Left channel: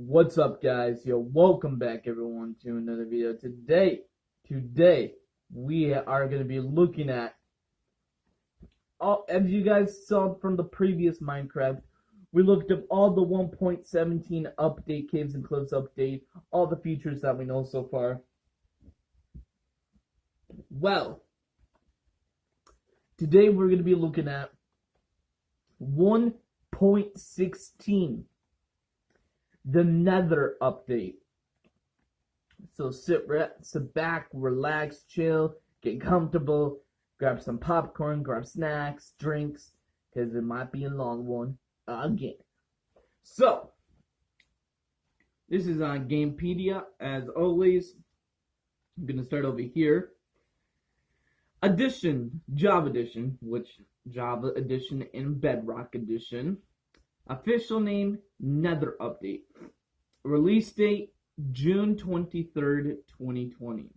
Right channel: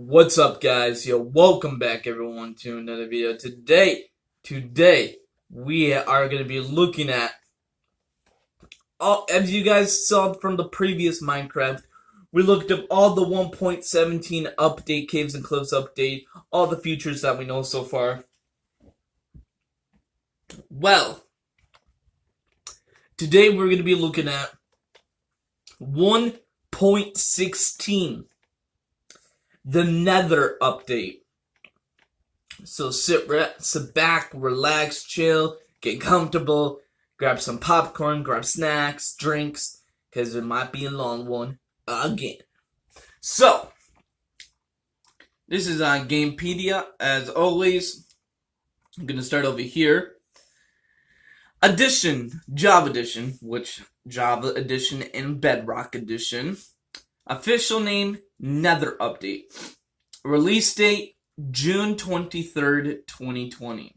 What's up, guys? Yo, welcome back, everyone, to another video. Today, we are going to be looking at as you guys saw from the previous Minecraft, we looked up all the 1.17 update, Caves and Cliffs update, all the features that we know so far. Well, today we're going to be looking at 1.16. The Nether update. So sit back, relax, chill, get comfortable, grab some popcorn, grab snacks, drinks, because it might be a long one again. So, this is on Gamepedia. As always, I'm going to start over here. Edition, Java Edition, which Java Edition and Bedrock Edition. Official name, Nether Update. Release date, June 23rd, 2020.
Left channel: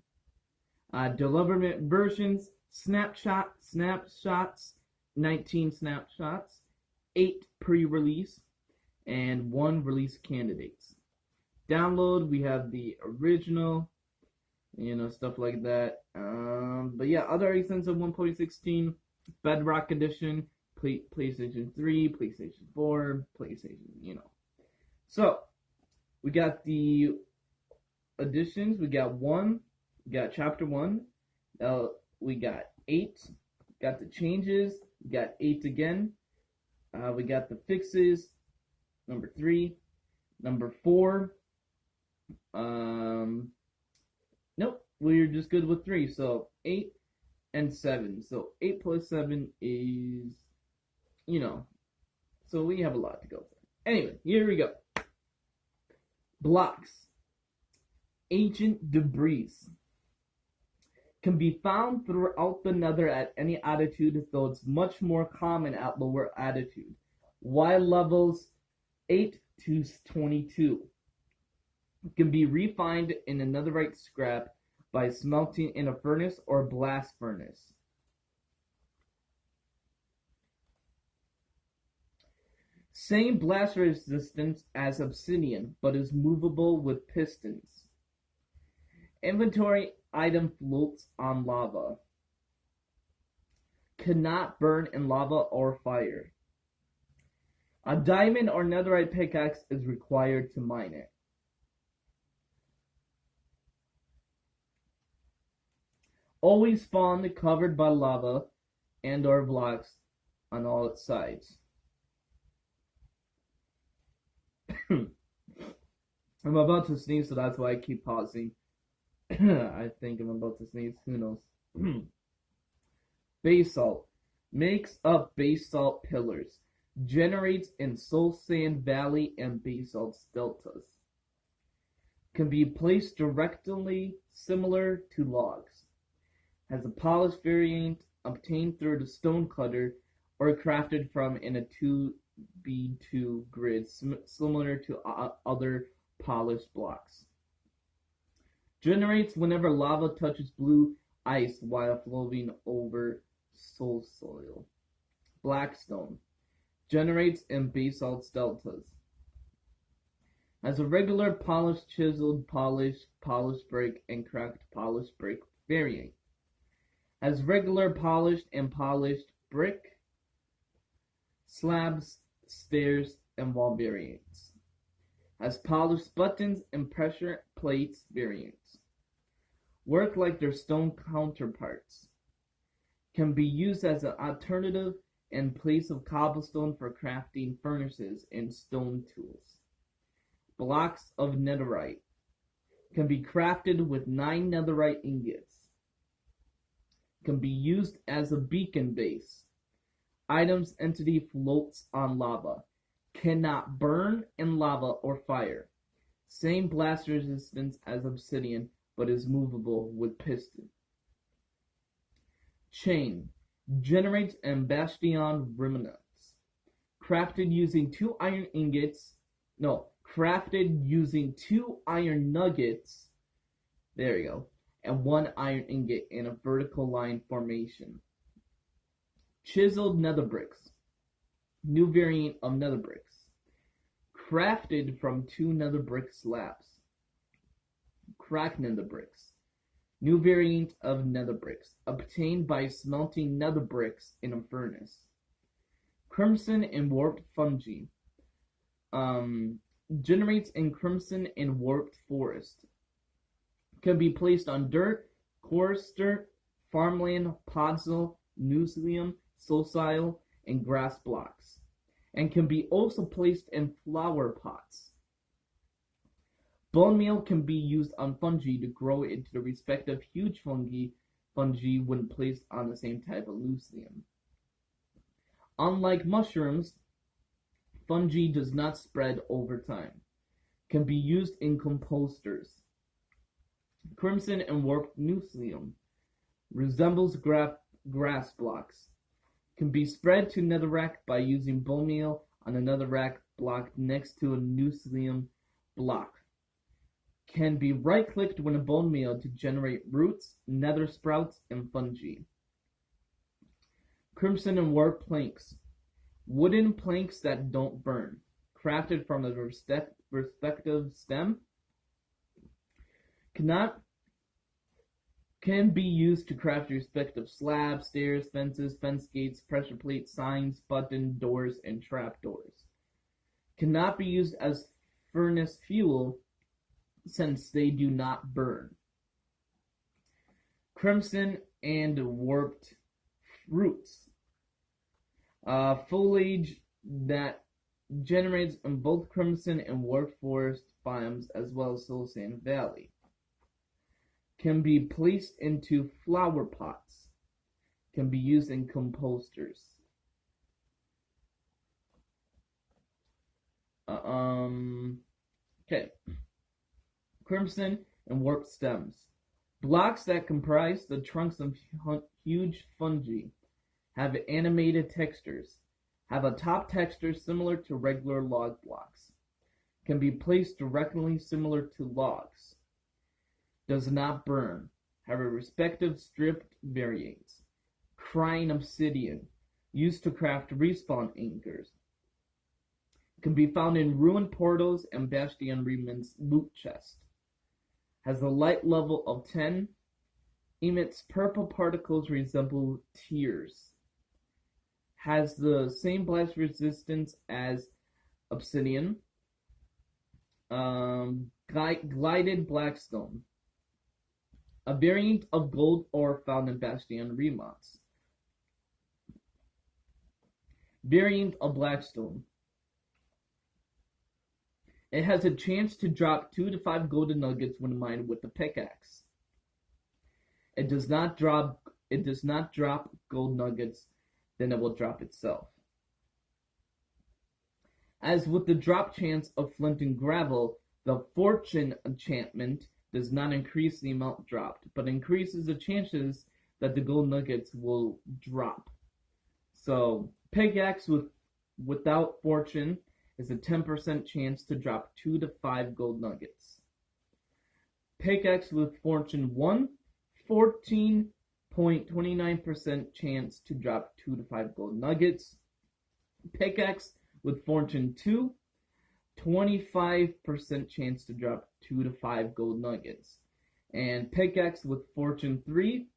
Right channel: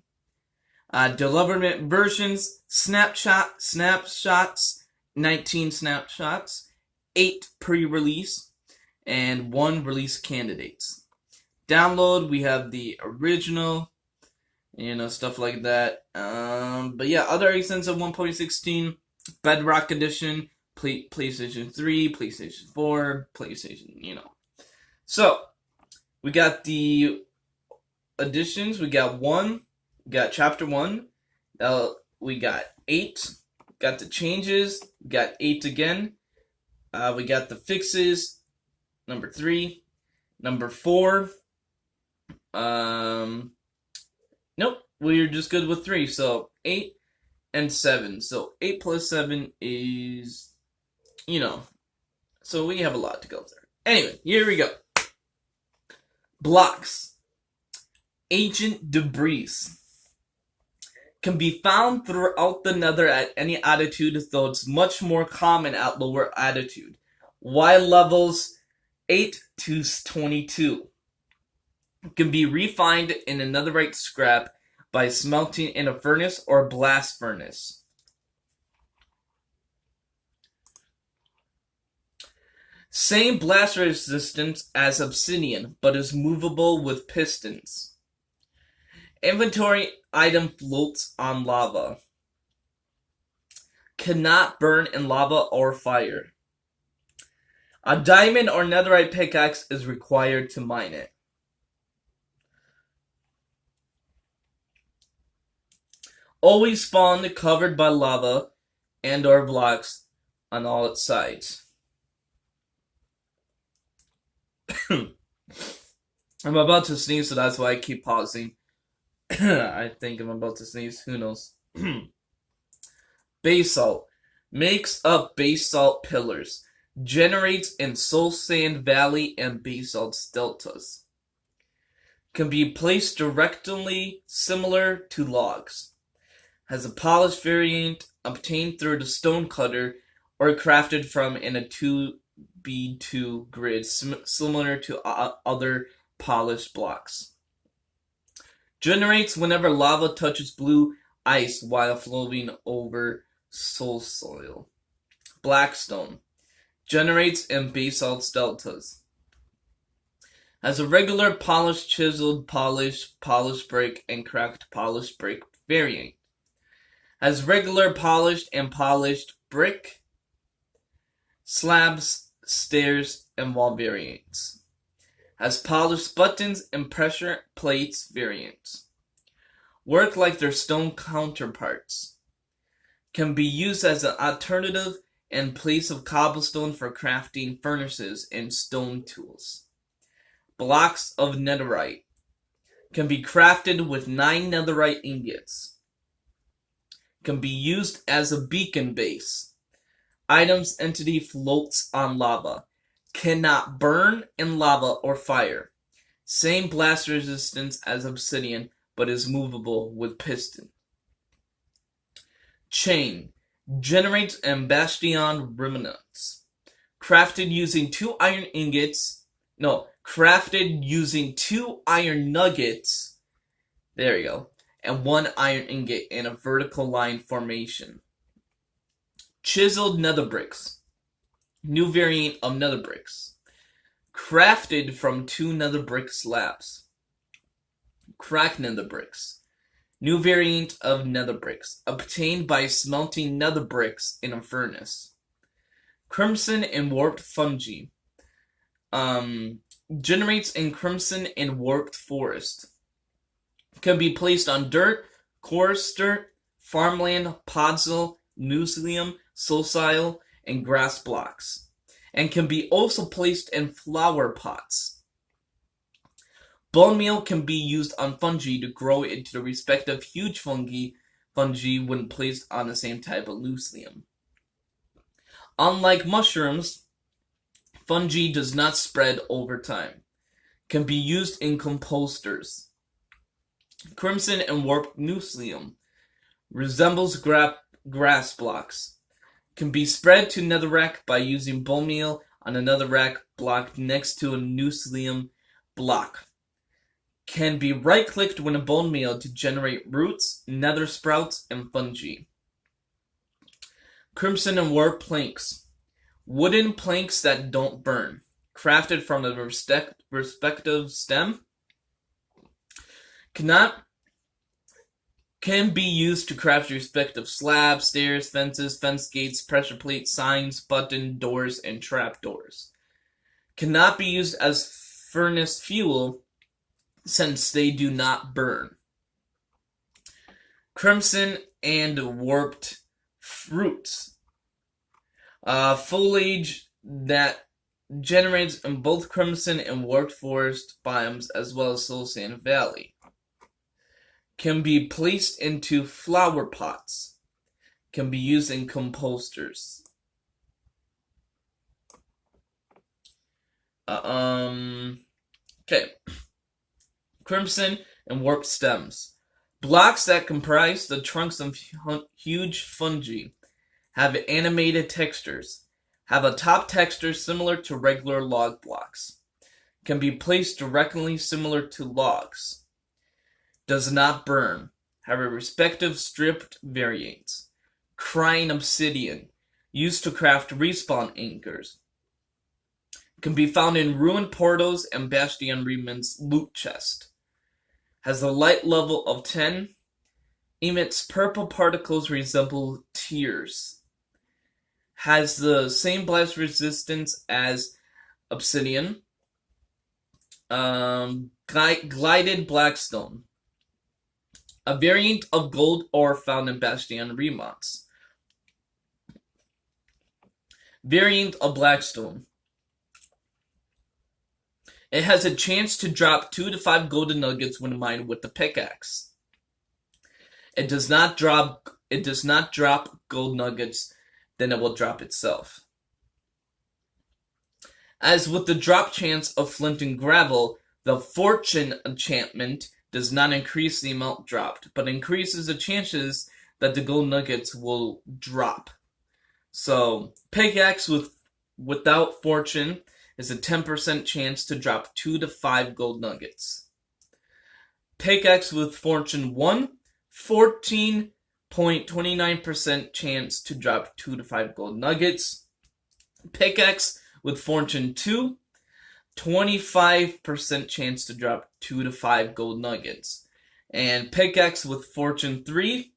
Development versions, snapshots, 19 snapshots, 8 pre-release, and 1 release candidates. Download, we have the original, stuff like that. But yeah, other extensive 1.16, Bedrock Edition, PlayStation 3, PlayStation 4, PlayStation, So, we got the additions. We got 1. We got chapter 1. We got 8. Got the changes. We got 8 again. We got the fixes. Number 3. Number 4. Nope. We're just good with 3. So, 8 and 7. So, 8 plus 7 is... so we have a lot to go through. Anyway, here we go. Blocks. Ancient debris can be found throughout the Nether at any altitude, though it's much more common at lower altitude. Y levels 8 to 22 can be refined in a netherite scrap by smelting in a furnace or blast furnace. Same blast resistance as obsidian, but is movable with pistons. Inventory item floats on lava. Cannot burn in lava or fire. A diamond or netherite pickaxe is required to mine it. Always spawn covered by lava and or blocks on all its sides. I'm about to sneeze, so that's why I keep pausing. I think I'm about to sneeze. Who knows? Basalt. Makes up basalt pillars. Generates in Soul Sand Valley and basalt deltas. Can be placed directly similar to logs. Has a polished variant obtained through the stone cutter or crafted from in a 2B2 grid similar to other polished blocks. Generates whenever lava touches blue ice while flowing over soul soil. Blackstone. Generates in basalt deltas. Has a regular polished, chiseled, polished brick, and cracked polished brick variant. Has regular polished and polished brick, slabs, stairs, and wall variants. Has polished buttons and pressure plates variants. Work like their stone counterparts. Can be used as an alternative in place of cobblestone for crafting furnaces and stone tools. Blocks of netherite. Can be crafted with 9 netherite ingots. Can be used as a beacon base. Items entity floats on lava. Cannot burn in lava or fire. Same blast resistance as obsidian, but is movable with piston. Chain. Generates and bastion remnants. Crafted using 2 iron ingots. No, crafted using 2 iron nuggets. There you go. And 1 iron ingot in a vertical line formation. Chiseled nether bricks. New variant of nether bricks. crafted from 2 nether brick slabs. Cracked nether bricks. New variant of nether bricks, obtained by smelting nether bricks in a furnace. Crimson and warped fungi. Generates in crimson and warped forest. Can be placed on dirt, coarse dirt, farmland, podzol, newslium, solsile, and grass blocks, and can be also placed in flower pots. Bone meal can be used on fungi to grow into the respective huge fungi when placed on the same type of newslium. Unlike mushrooms, fungi does not spread over time. Can be used in composters. Crimson and warped newslium resembles grass blocks. Can be spread to netherrack by using bone meal on a netherrack block next to a newslium block. Can be right-clicked when a bone meal to generate roots, nether sprouts, and fungi. Crimson and warped planks. Wooden planks that don't burn. Crafted from the respective stem. Can be used to craft respective slabs, stairs, fences, fence gates, pressure plates, signs, button doors, and trap doors. Cannot be used as furnace fuel since they do not burn. Crimson and warped fruits. Foliage that generates in both crimson and warped forest biomes as well as Soul Sand Valley. Can be placed into flower pots. Can be used in composters. Okay. Crimson and warped stems. Blocks that comprise the trunks of huge fungi have animated textures. Have a top texture similar to regular log blocks. Can be placed directly similar to logs. Does not burn. Have a respective stripped variants. Crying obsidian. Used to craft respawn anchors. Can be found in ruined portals and Bastion Reman's loot chest. Has a light level of 10. Emits purple particles resemble tears. Has the same blast resistance as obsidian. Glided blackstone. A variant of gold ore found in Bastion Remots. Variant of blackstone. It has a chance to drop 2 to 5 golden nuggets when mined with the pickaxe. It does not drop gold nuggets, then it will drop itself. As with the drop chance of flint and gravel, the fortune enchantment does not increase the amount dropped, but increases the chances that the gold nuggets will drop. So, pickaxe without fortune is a 10% chance to drop 2 to 5 gold nuggets. Pickaxe with fortune 1, 14.29% chance to drop 2 to 5 gold nuggets. Pickaxe with fortune 2, 25% chance to drop 2 to 5 gold nuggets. And pickaxe with fortune 3,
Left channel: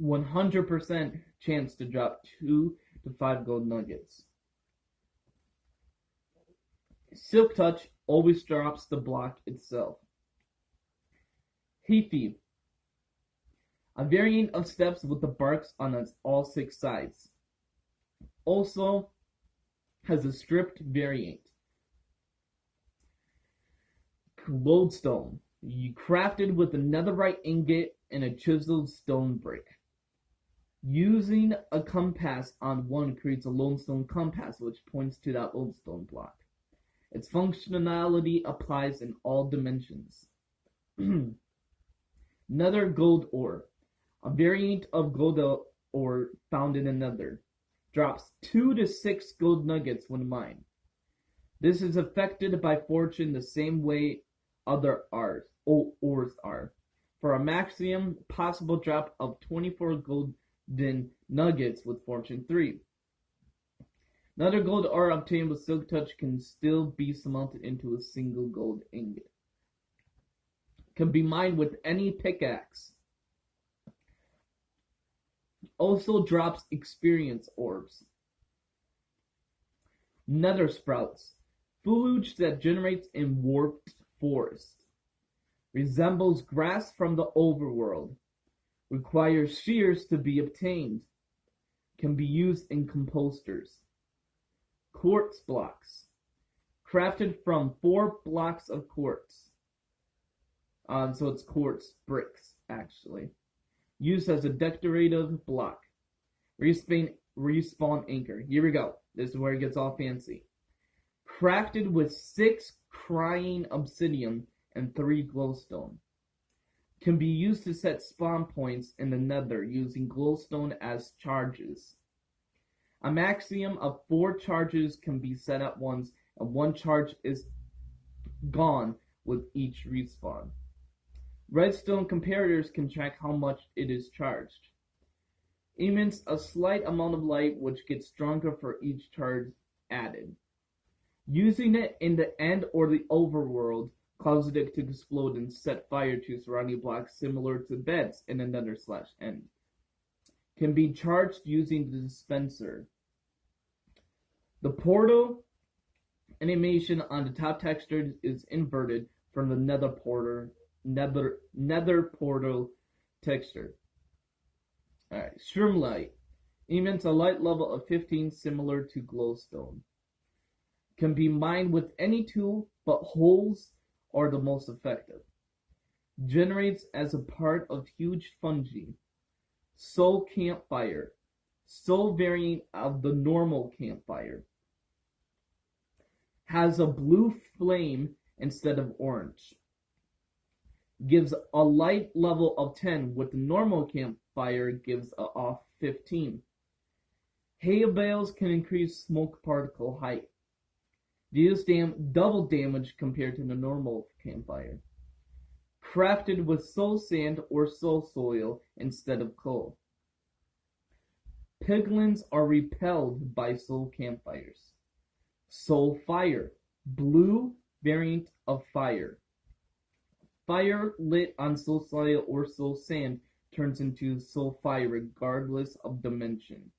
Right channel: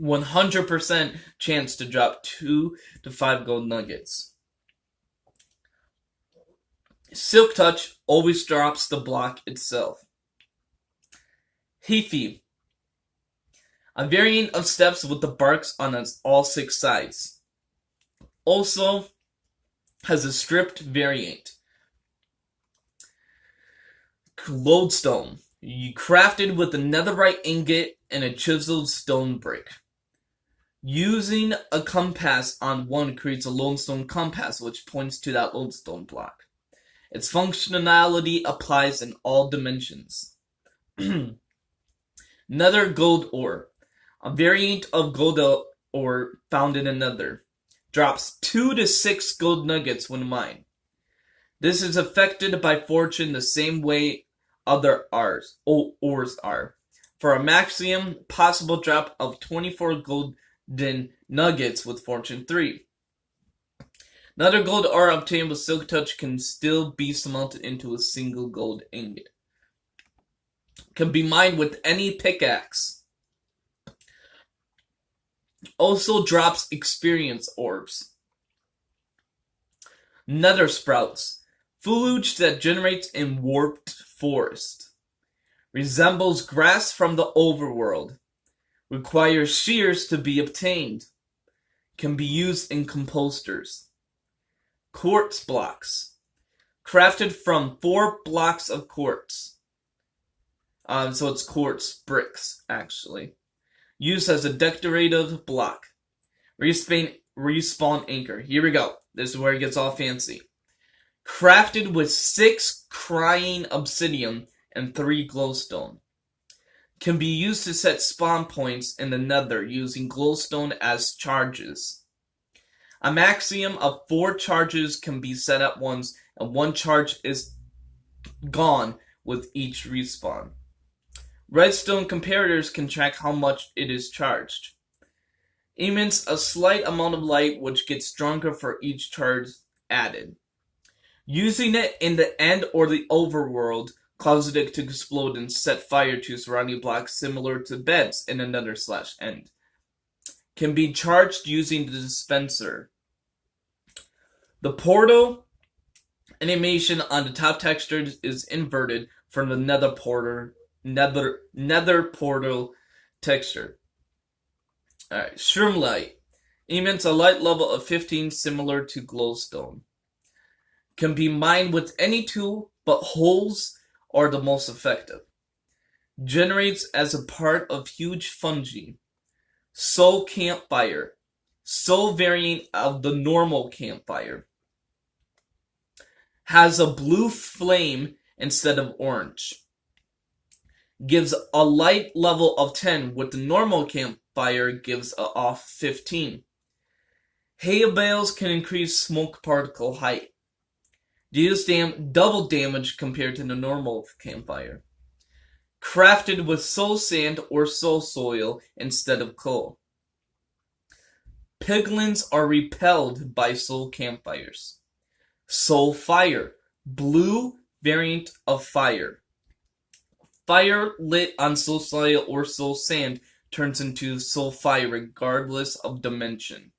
100% chance to drop 2 to 5 gold nuggets. Silk Touch always drops the block itself. Heathy. A variant of steps with the barks on all 6 sides. Also has a stripped variant. Lodestone. Crafted with a netherite ingot and a chiseled stone brick. Using a compass on one creates a lodestone compass which points to that lodestone block. Its functionality applies in all dimensions. Nether gold ore. A variant of gold ore found in a nether. Drops 2 to 6 gold nuggets when mined. This is affected by fortune the same way other ores are. For a maximum possible drop of 24 golden nuggets with fortune 3. Another gold ore obtained with Silk Touch can still be smelted into a single gold ingot. Can be mined with any pickaxe. Also drops experience orbs. Nether sprouts. Foliage that generates in warped forest. Resembles grass from the overworld. Requires shears to be obtained. Can be used in composters. Quartz blocks. Crafted from 4 blocks of quartz. So it's quartz bricks, actually. Used as a decorative block. Respawn anchor. Here we go. This is where it gets all fancy. Crafted with 6 crying obsidian and 3 glowstone. Can be used to set spawn points in the nether using glowstone as charges. A maximum of 4 charges can be set at once, and 1 charge is gone with each respawn. Redstone comparators can track how much it is charged. Emits a slight amount of light which gets stronger for each charge added. Using it in the end or the overworld causes it to explode and set fire to surrounding blocks similar to beds in a nether/end. Can be charged using the dispenser. The portal animation on the top texture is inverted from the nether portal texture. Alright, Shroomlight. Emits a light level of 15 similar to glowstone. Can be mined with any tool, but holes are the most effective. Generates as a part of huge fungi. Soul campfire. Soul variant of the normal campfire. Has a blue flame instead of orange. Gives a light level of 10, with the normal campfire gives a off 15. Hay bales can increase smoke particle height. Deals double damage compared to the normal campfire. Crafted with soul sand or soul soil instead of coal. Piglins are repelled by soul campfires. Soul fire. Blue variant of fire. Fire lit on soul soil or soul sand turns into soul fire regardless of dimension.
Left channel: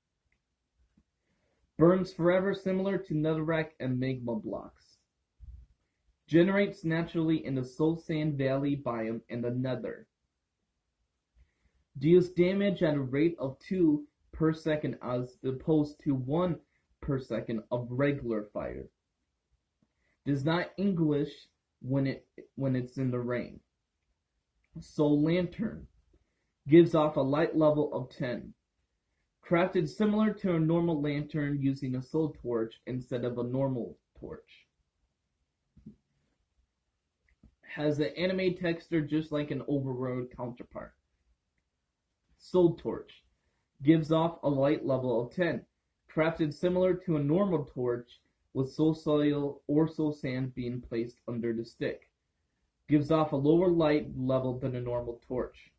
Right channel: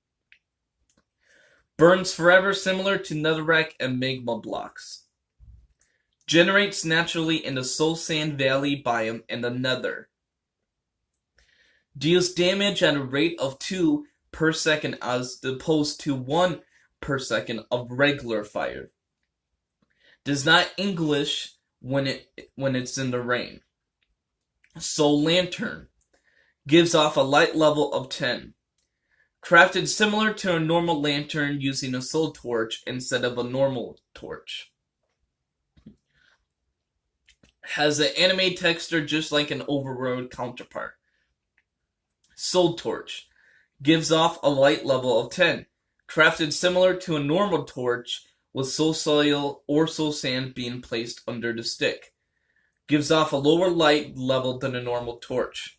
Burns forever similar to netherrack and magma blocks. Generates naturally in the soul sand valley biome in the nether. Deals damage at a rate of 2 per second as opposed to 1 per second of regular fire. Does not English when it's in the rain. Soul lantern. Gives off a light level of 10. Crafted similar to a normal lantern using a soul torch instead of a normal torch. Has an anime texture just like an overworld counterpart. Soul torch. Gives off a light level of 10. Crafted similar to a normal torch with soul soil or soul sand being placed under the stick. Gives off a lower light level than a normal torch.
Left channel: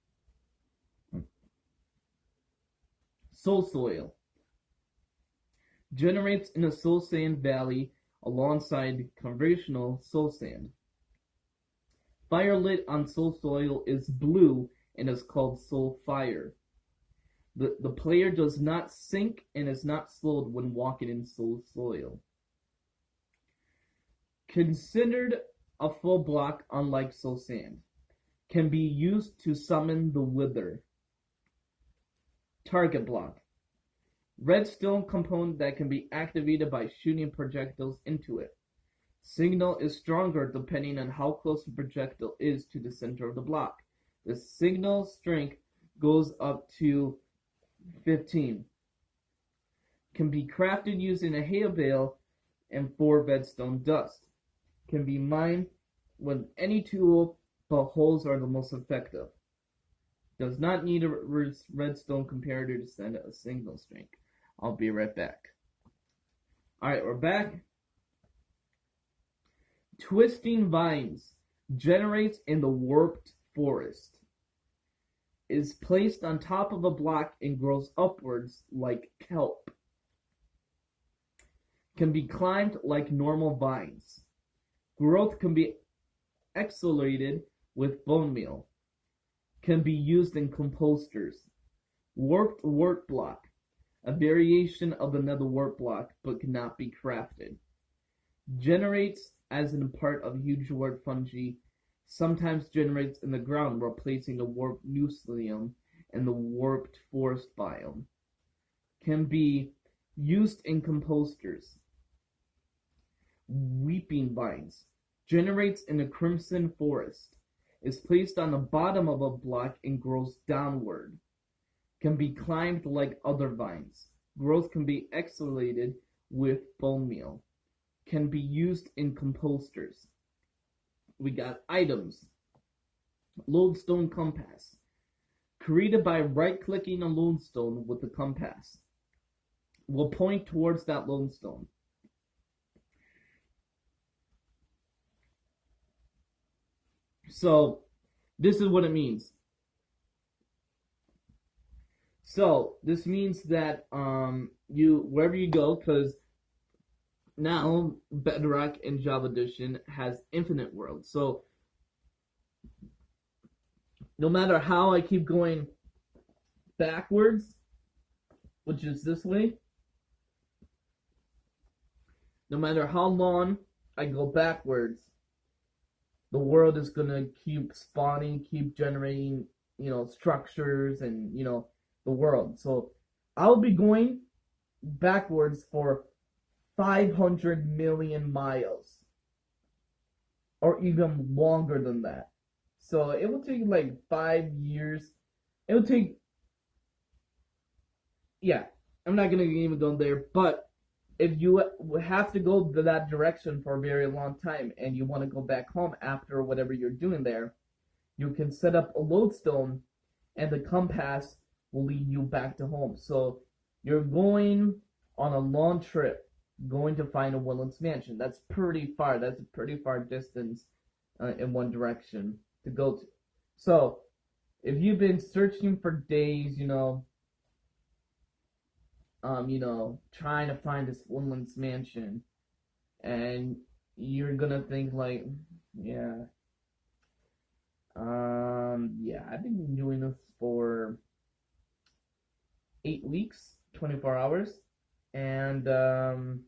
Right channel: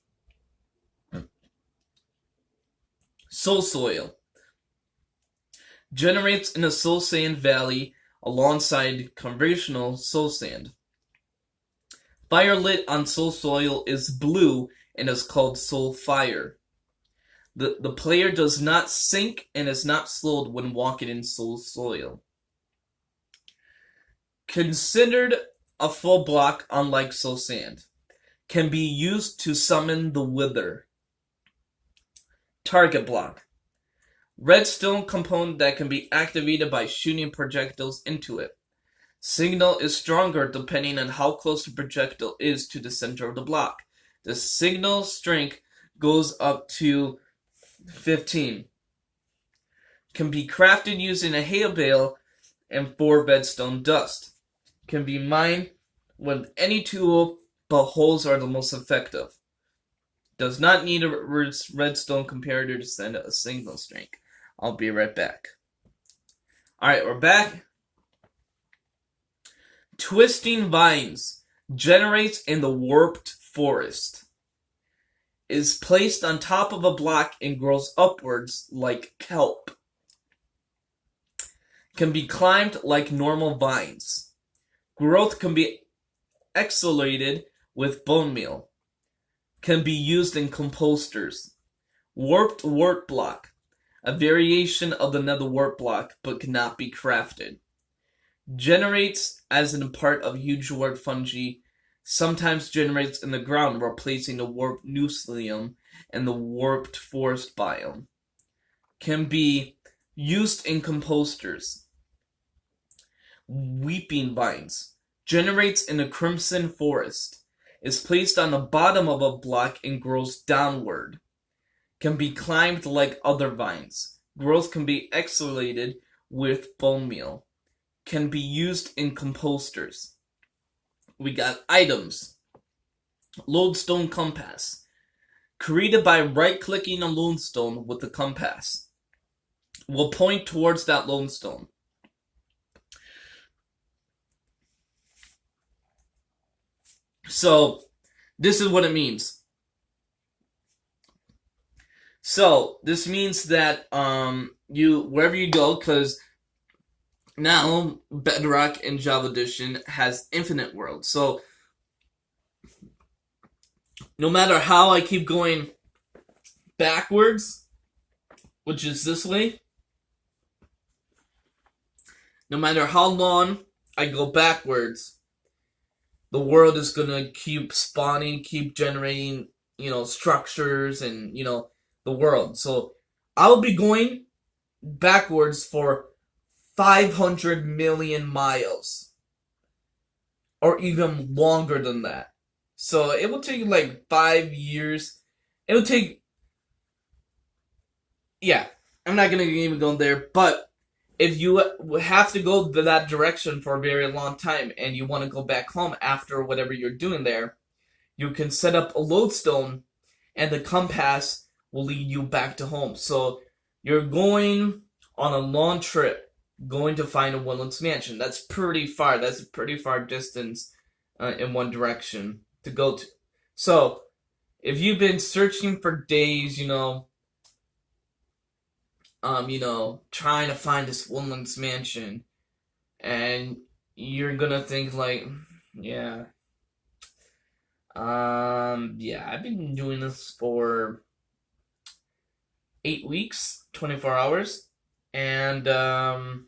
Soul soil. Generates in a soul sand valley alongside conventional soul sand. Fire lit on soul soil is blue and is called soul fire. The player does not sink and is not slowed when walking in soul soil. Considered a full block unlike soul sand. Can be used to summon the wither. Target block. Redstone component that can be activated by shooting projectiles into it. Signal is stronger depending on how close the projectile is to the center of the block. The signal strength goes up to 15. Can be crafted using a hay bale and 4 redstone dust. Can be mined with any tool, but holes are the most effective. Does not need a redstone comparator to send a signal strength. I'll be right back. Alright, we're back. Twisting vines. Generates in the warped forest. Is placed on top of a block and grows upwards like kelp. Can be climbed like normal vines. Growth can be accelerated with bone meal. Can be used in composters. Warped wart block. A variation of the nether wart block, but cannot be crafted. Generates as in part of huge wart fungi. Sometimes generates in the ground, replacing the warped nucleum and the warped forest biome. Can be used in composters. Weeping vines. Generates in a crimson forest. Is placed on the bottom of a block and grows downward. Can be climbed like other vines. Growth can be accelerated with bone meal. Can be used in composters. We got items. Lodestone compass. Created by right-clicking a lodestone with the compass. Will point towards that lodestone. So, this is what it means. So, this means that you wherever you go, because now Bedrock in Java Edition has infinite worlds. So, no matter how I keep going backwards, which is this way, no matter how long I go backwards, the world is gonna keep spawning, keep generating, structures and, the world. So I'll be going backwards for 500 million miles. Or even longer than that. So it will take like 5 years. It will take... Yeah, I'm not gonna even go there, but if you have to go that direction for a very long time and you want to go back home after whatever you're doing there, you can set up a lodestone and the compass will lead you back to home. So you're going on a long trip, going to find a Woodlands mansion. That's pretty far. That's a pretty far distance in one direction to go to. So if you've been searching for days, trying to find this Woodlands mansion, and you're gonna think like, yeah, I've been doing this for 8 weeks, 24 hours, and I'm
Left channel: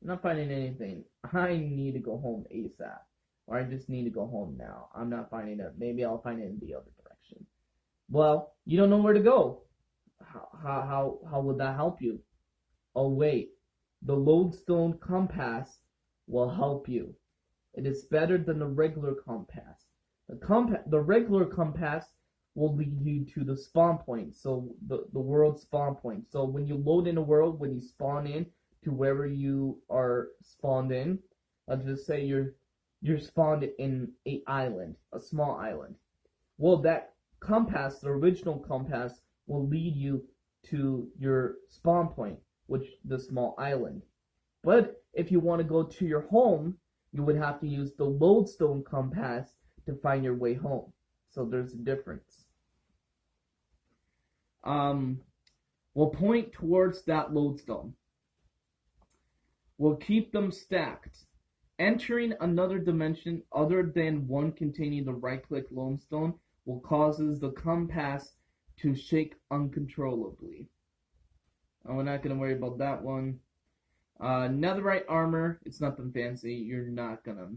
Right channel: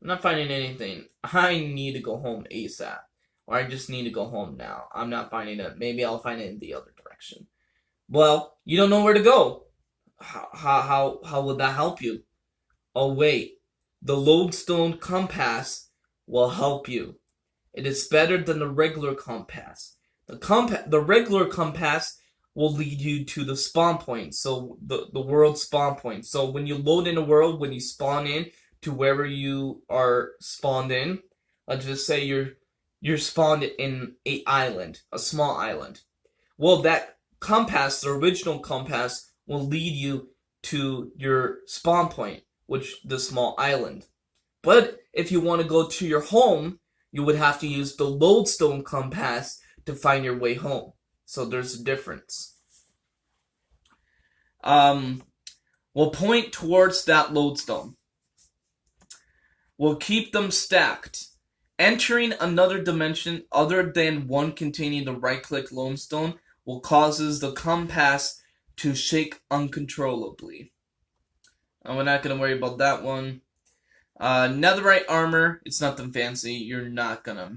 not finding anything. I need to go home ASAP, or I just need to go home now. I'm not finding it. Maybe I'll find it in the other direction. Well, you don't know where to go. How would that help you? Oh wait, the lodestone compass will help you. It is better than the regular compass. The regular compass will lead you to the spawn point, so the world spawn point. So when you load in a world, when you spawn in to wherever you are spawned in, let's just say you're spawned in a small island. Well, that compass, the original compass, will lead you to your spawn point, which the small island. But if you want to go to your home, you would have to use the lodestone compass to find your way home. So there's a difference. We'll point towards that lodestone. We'll keep them stacked. Entering another dimension other than one containing the right-click lodestone will causes the compass to shake uncontrollably. We're not going to worry about that one. Netherite armor, it's nothing fancy. You're not gonna...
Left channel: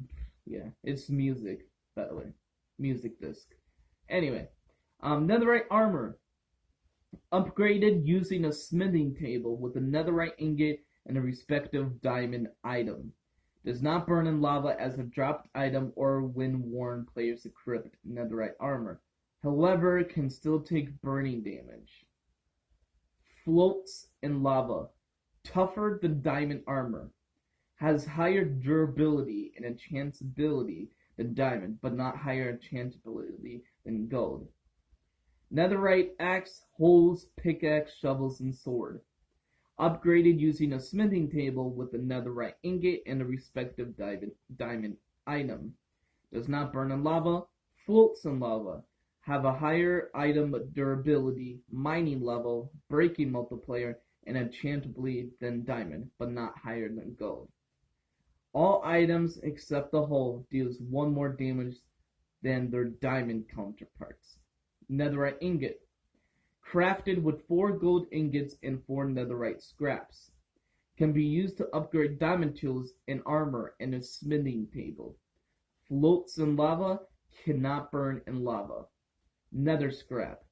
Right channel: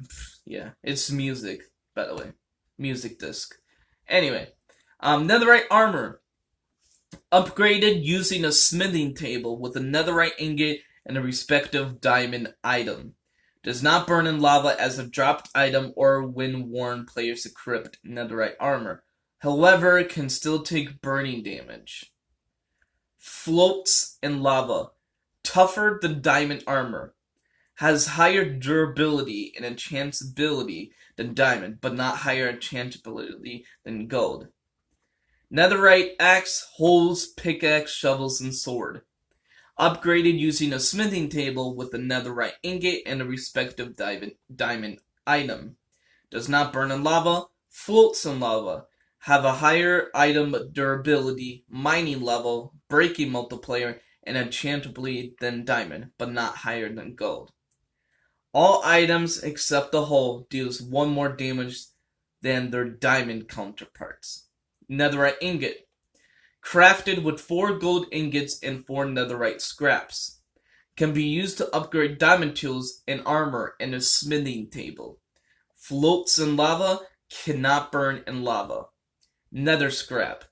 Yeah, it's music, by the way. Music disc. Anyway, netherite armor. Upgraded using a smithing table with a netherite ingot and a respective diamond item. Does not burn in lava as a dropped item or when worn players equip netherite armor. However, it can still take burning damage. Floats in lava. Tougher than diamond armor. Has higher durability and enchantability than diamond, but not higher enchantability than gold. Netherite axe, hoes, pickaxe, shovels, and sword. Upgraded using a smithing table with a netherite ingot and a respective diamond item. Does not burn in lava. Floats in lava. Have a higher item durability, mining level, breaking multiplier, and enchantably than diamond, but not higher than gold. All items except the hole deals 1 more damage than their diamond counterparts. Netherite ingot. Crafted with 4 gold ingots and 4 netherite scraps. Can be used to upgrade diamond tools and armor and a smithing table. Floats in lava, cannot burn in lava. Nether scrap.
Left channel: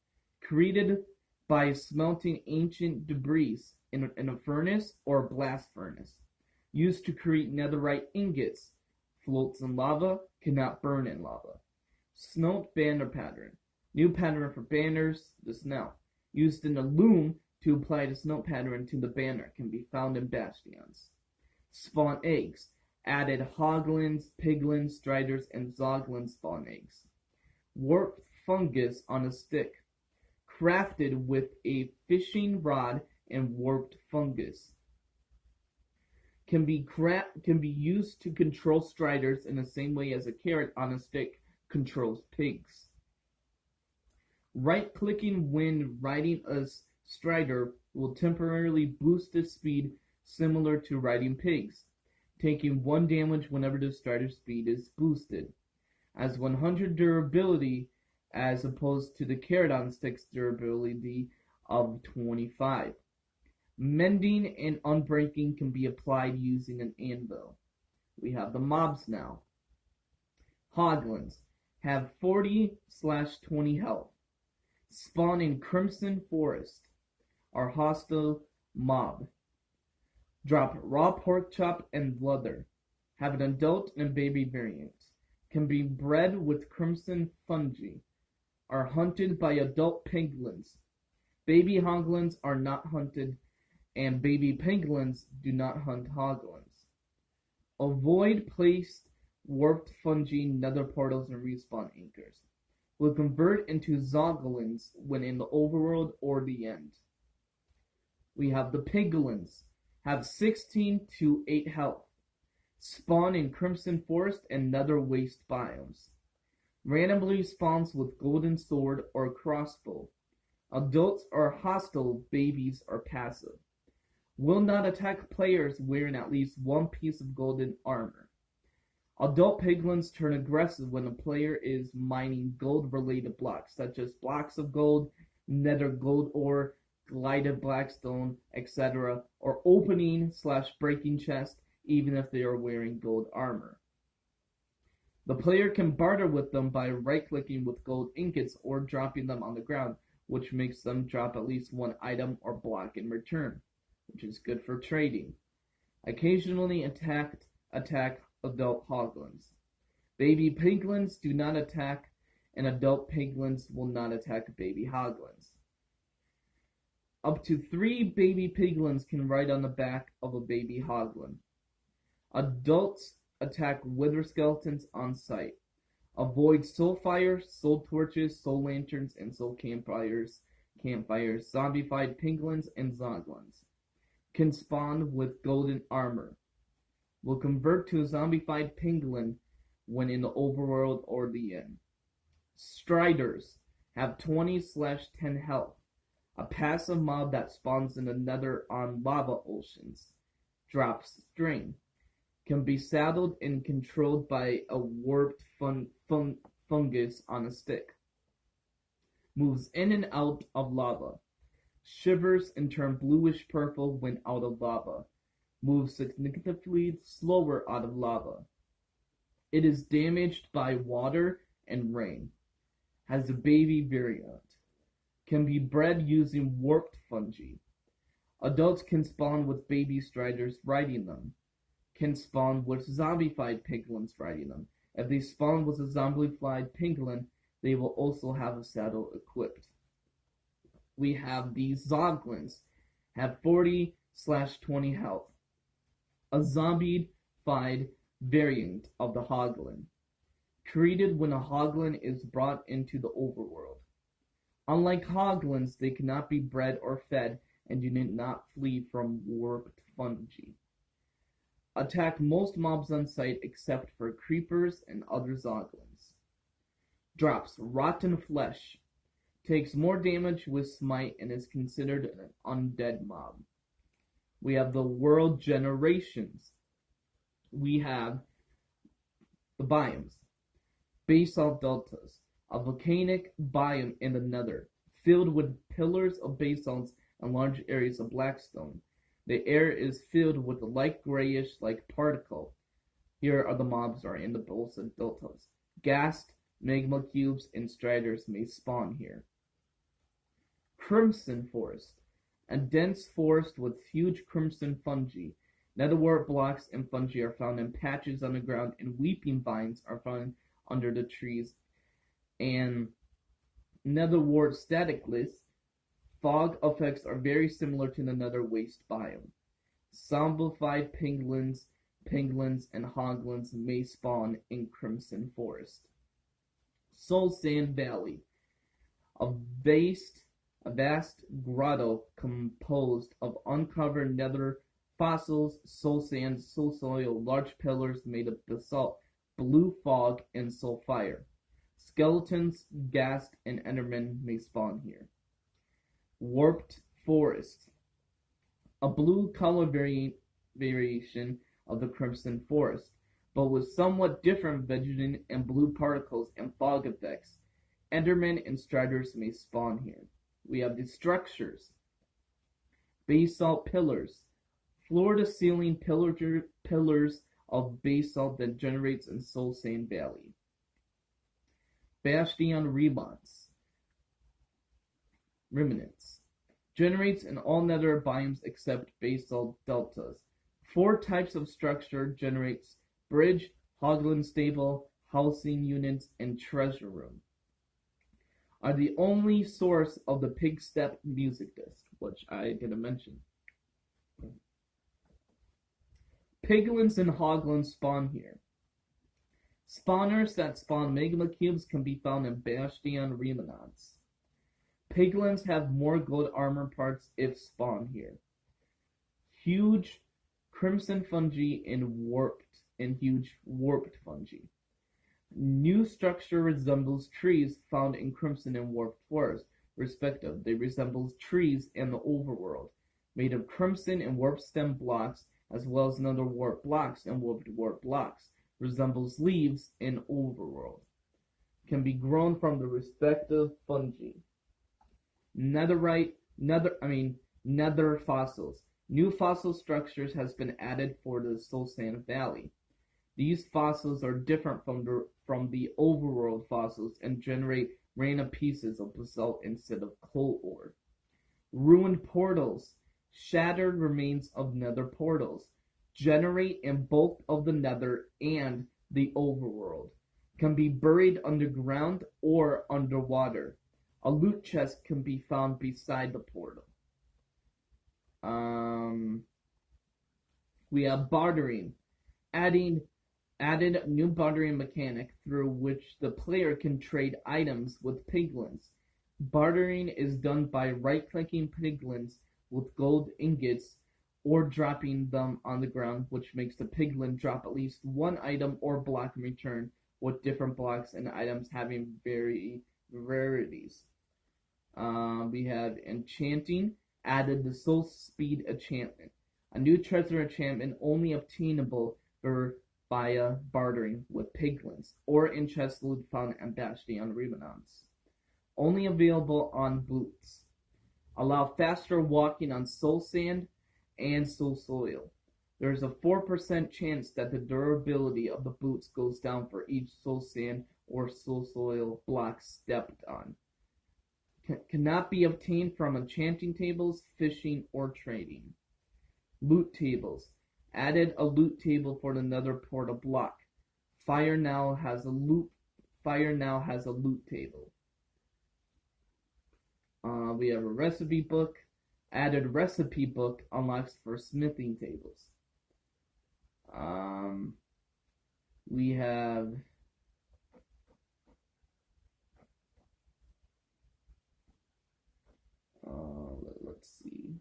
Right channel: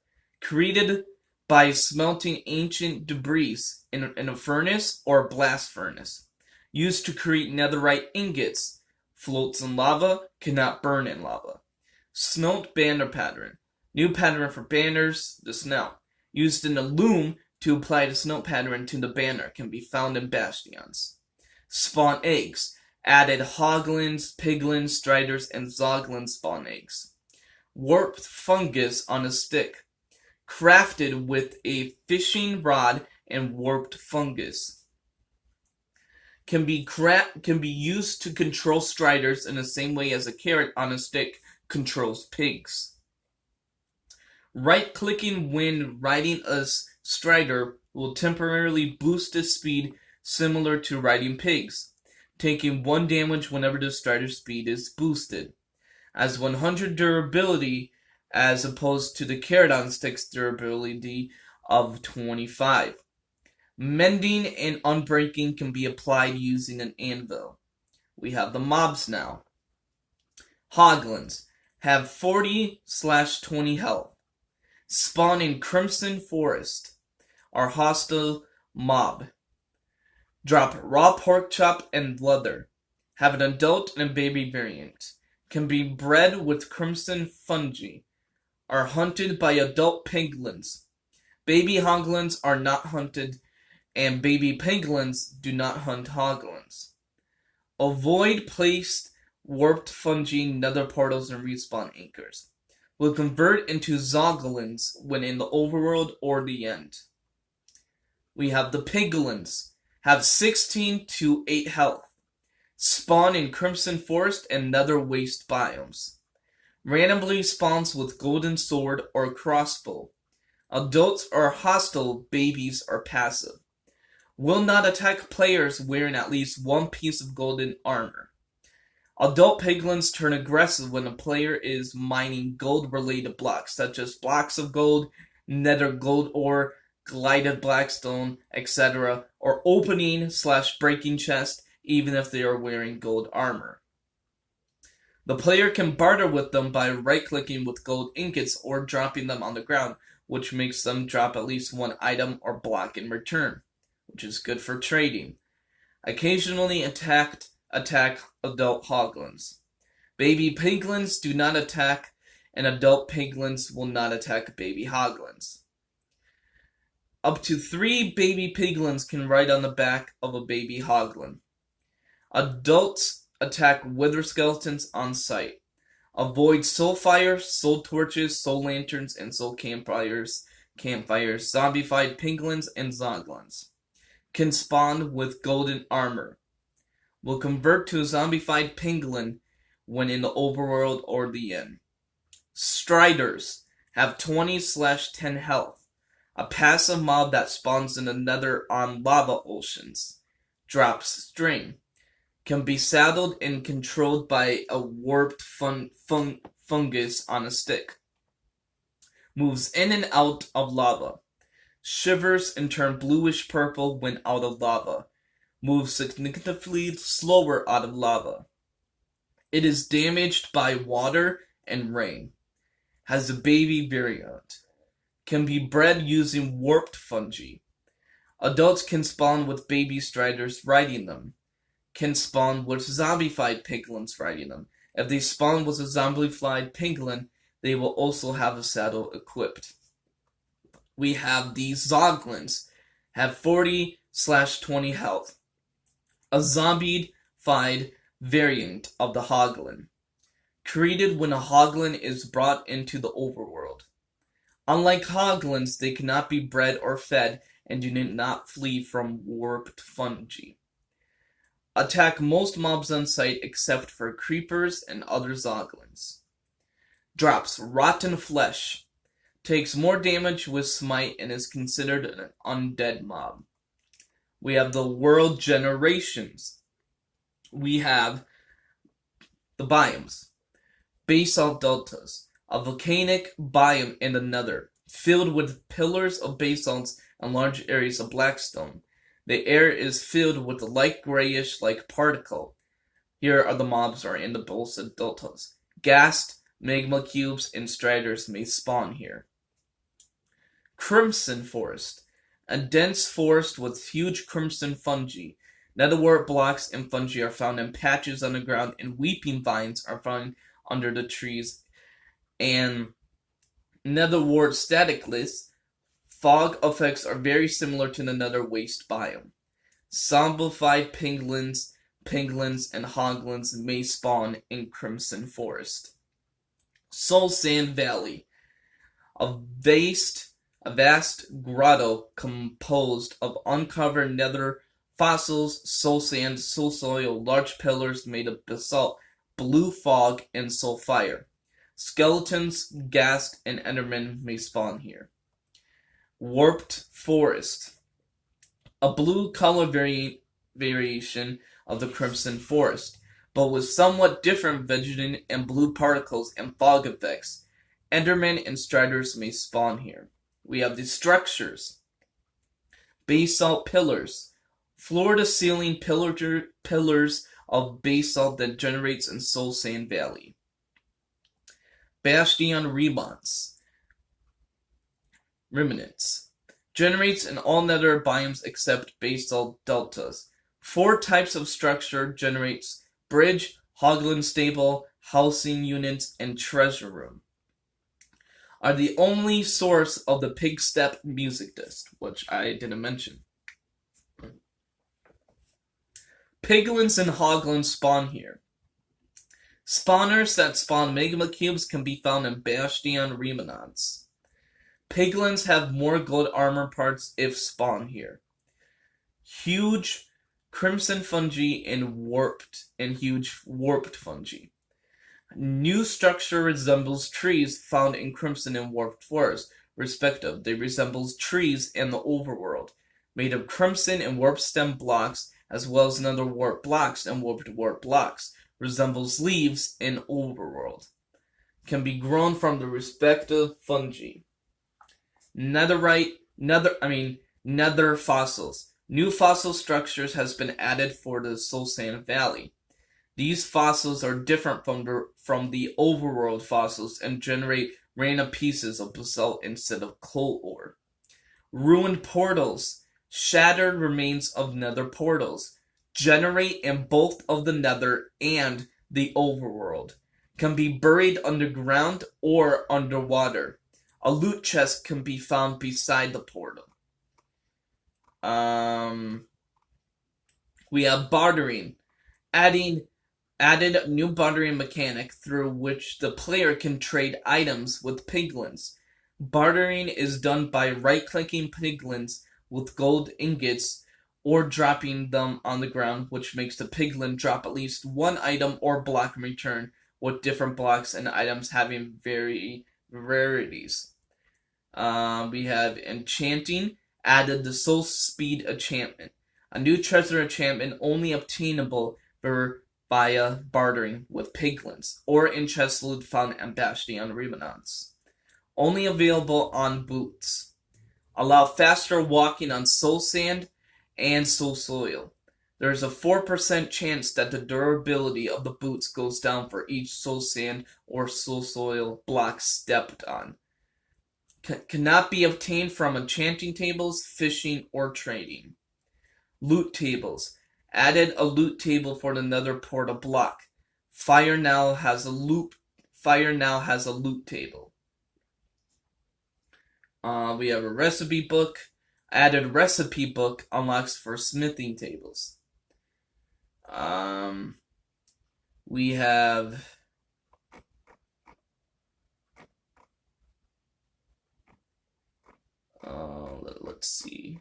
Created by smelting ancient debris in a furnace or blast furnace. Used to create netherite ingots. Floats in lava, cannot burn in lava. Snout banner pattern. New pattern for banners, the snout. Used in the loom to apply the snout pattern to the banner, can be found in bastions. Spawn eggs. Added hoglins, piglins, striders, and zoglins spawn eggs. Warped fungus on a stick. Crafted with a fishing rod and warped fungus. Can be used to control striders in the same way as a carrot on a stick controls pigs. Right-clicking when riding a strider will temporarily boost its speed, similar to riding pigs, taking 1 damage whenever the strider's speed is boosted. As 100 durability as opposed to the carrot on stick's durability of 25. Mending and unbreaking can be applied using an anvil. We have the mobs now. Hoglins have 40/20 health. Spawn in Crimson Forest. Are hostile mob. Drop raw pork chop and leather. Have an adult and a baby variant. Can be bred with crimson fungi. Are hunted by adult piglins. Baby hoglins are not hunted, and baby piglins do not hunt hoglins. Avoid placed warped fungi, nether portals, and respawn anchors. Will convert into zoglins when in the overworld or the end. We have the piglins. Have 16/8 health. Spawn in Crimson Forest and Nether Waste biomes. Randomly spawns with golden sword or crossbow. Adults are hostile, babies are passive. Will not attack players wearing at least 1 piece of golden armor. Adult piglins turn aggressive when a player is mining gold-related blocks, such as blocks of gold, nether gold ore, glided blackstone, etc., or opening/breaking chests, even if they are wearing gold armor. The player can barter with them by right-clicking with gold ingots or dropping them on the ground, which makes them drop at least 1 item or block in return, which is good for trading. Occasionally attack adult hoglins. Baby piglins do not attack, and adult piglins will not attack baby hoglins. Up to 3 baby piglins can ride on the back of a baby hoglin. Adults attack wither skeletons on sight. Avoid soul fire, soul torches, soul lanterns, and soul campfires, zombified piglins, and zoglins. Can spawn with golden armor. Will convert to a zombified piglin when in the overworld or the end. Striders have 20/10 health. A passive mob that spawns in the nether on lava oceans. Drops string. Can be saddled and controlled by a warped fungus on a stick. Moves in and out of lava. Shivers and turns bluish purple when out of lava. Moves significantly slower out of lava. It is damaged by water and rain. Has a baby variant. Can be bred using warped fungi. Adults can spawn with baby striders riding them. Can spawn with zombified piglins riding them. If they spawn with a zombified piglin, they will also have a saddle equipped. We have the zoglins. Have 40/20 health. A zombified variant of the hoglin. Created when a hoglin is brought into the overworld. Unlike hoglins, they cannot be bred or fed and do not flee from warped fungi. Attack most mobs on sight except for creepers and other zoglins. Drops rotten flesh. Takes more damage with smite and is considered an undead mob. We have the world generations. We have the biomes. Basalt deltas, a volcanic biome in the nether, filled with pillars of basalts and large areas of blackstone. The air is filled with light grayish like particle. Here are the mobs are in the basalt deltas. Ghast, magma cubes, and striders may spawn here. Crimson forest, a dense forest with huge crimson fungi. Netherwort blocks and fungi are found in patches on the ground, and weeping vines are found under the trees. And netherwort staticless, fog effects are very similar to the nether waste biome. Zombified penguins, and hoglins may spawn in Crimson Forest. Soul Sand Valley, a vast grotto composed of uncovered nether fossils, soul sand, soul soil, large pillars made of basalt, blue fog, and soul fire. Skeletons, ghast, and endermen may spawn here. Warped Forest, a blue color variation of the Crimson Forest, but with somewhat different vegetation and blue particles and fog effects. Endermen and striders may spawn here. We have the structures. Basalt pillars. Floor-to-ceiling pillars of basalt that generates in Soul Sand Valley. Bastion remnants. Generates in all nether biomes except basalt deltas. 4 types of structure generates: bridge, hoglin stable, housing units, and treasure room. Are the only source of the pig step music disc, which I didn't mention. Piglins and hoglins spawn here. Spawners that spawn magma cubes can be found in Bastion Remanence. Piglins have more gold armor parts if spawn here. Huge crimson fungi and huge warped fungi. New structure resembles trees found in Crimson and Warped Forest, respective. They resembles trees in the overworld, made of crimson and warped stem blocks, as well as another warped blocks and warped blocks. Resembles leaves in overworld. Can be grown from the respective fungi. Nether fossils. New fossil structures has been added for the Soul Sand Valley. These fossils are different from the overworld fossils and generate random pieces of basalt instead of coal ore. Ruined portals. Shattered remains of nether portals. Generate in both of the nether and the overworld. Can be buried underground or underwater. A loot chest can be found beside the portal. We have bartering. Added new bartering mechanic through which the player can trade items with piglins. Bartering is done by right-clicking piglins with gold ingots or dropping them on the ground, which makes the piglin drop at least one item or block in return, with different blocks and items having rarities. We have enchanting. Added the soul speed enchantment. A new treasure enchantment only obtainable via bartering with piglins, or in chest loot found in Bastion Remanence. Only available on boots. Allow faster walking on soul sand and soul soil. There is a 4% chance that the durability of the boots goes down for each soul sand or soul soil block stepped on. Cannot be obtained from enchanting tables, fishing, or trading. Loot tables. Added a loot table for the nether portal block. Fire now has a loot table. We have a recipe book. Added recipe book unlocks for smithing tables. We have let's see.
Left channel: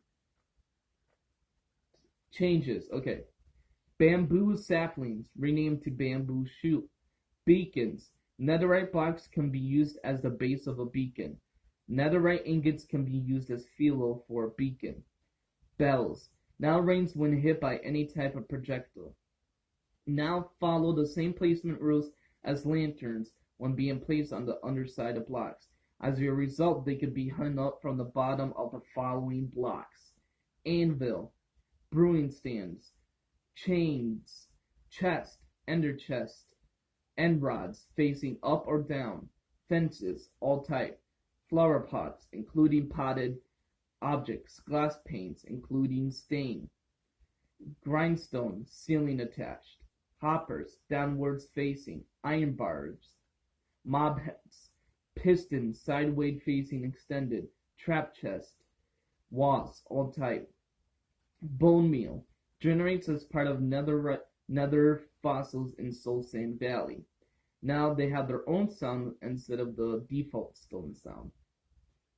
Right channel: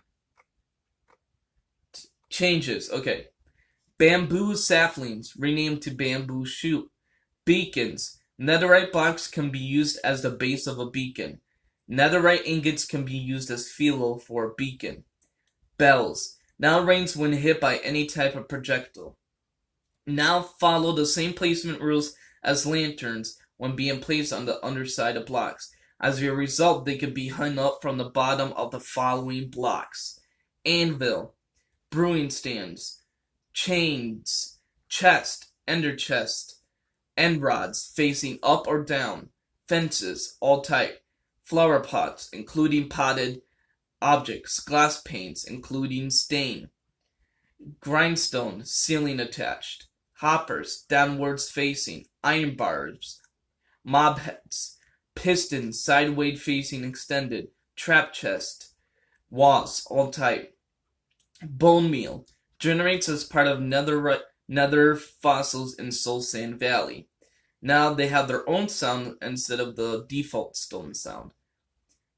Changes. Okay. Bamboo saplings renamed to bamboo shoot. Beacons. Netherite blocks can be used as the base of a beacon. Netherite ingots can be used as fuel for a beacon. Bells. Now rains when hit by any type of projectile. Now follow the same placement rules as lanterns when being placed on the underside of blocks. As a result, they can be hung up from the bottom of the following blocks: anvil, brewing stands, chains, chest, ender chest, end rods facing up or down, fences, all type, flower pots, including potted objects, glass panes, including stain, grindstone, ceiling attached, hoppers, downwards facing, iron bars, mob heads, pistons, sideways facing extended, trap chest, walls, all type, bone meal, generates as part of nether fossils in Soul Sand Valley. Now they have their own sound instead of the default stone sound.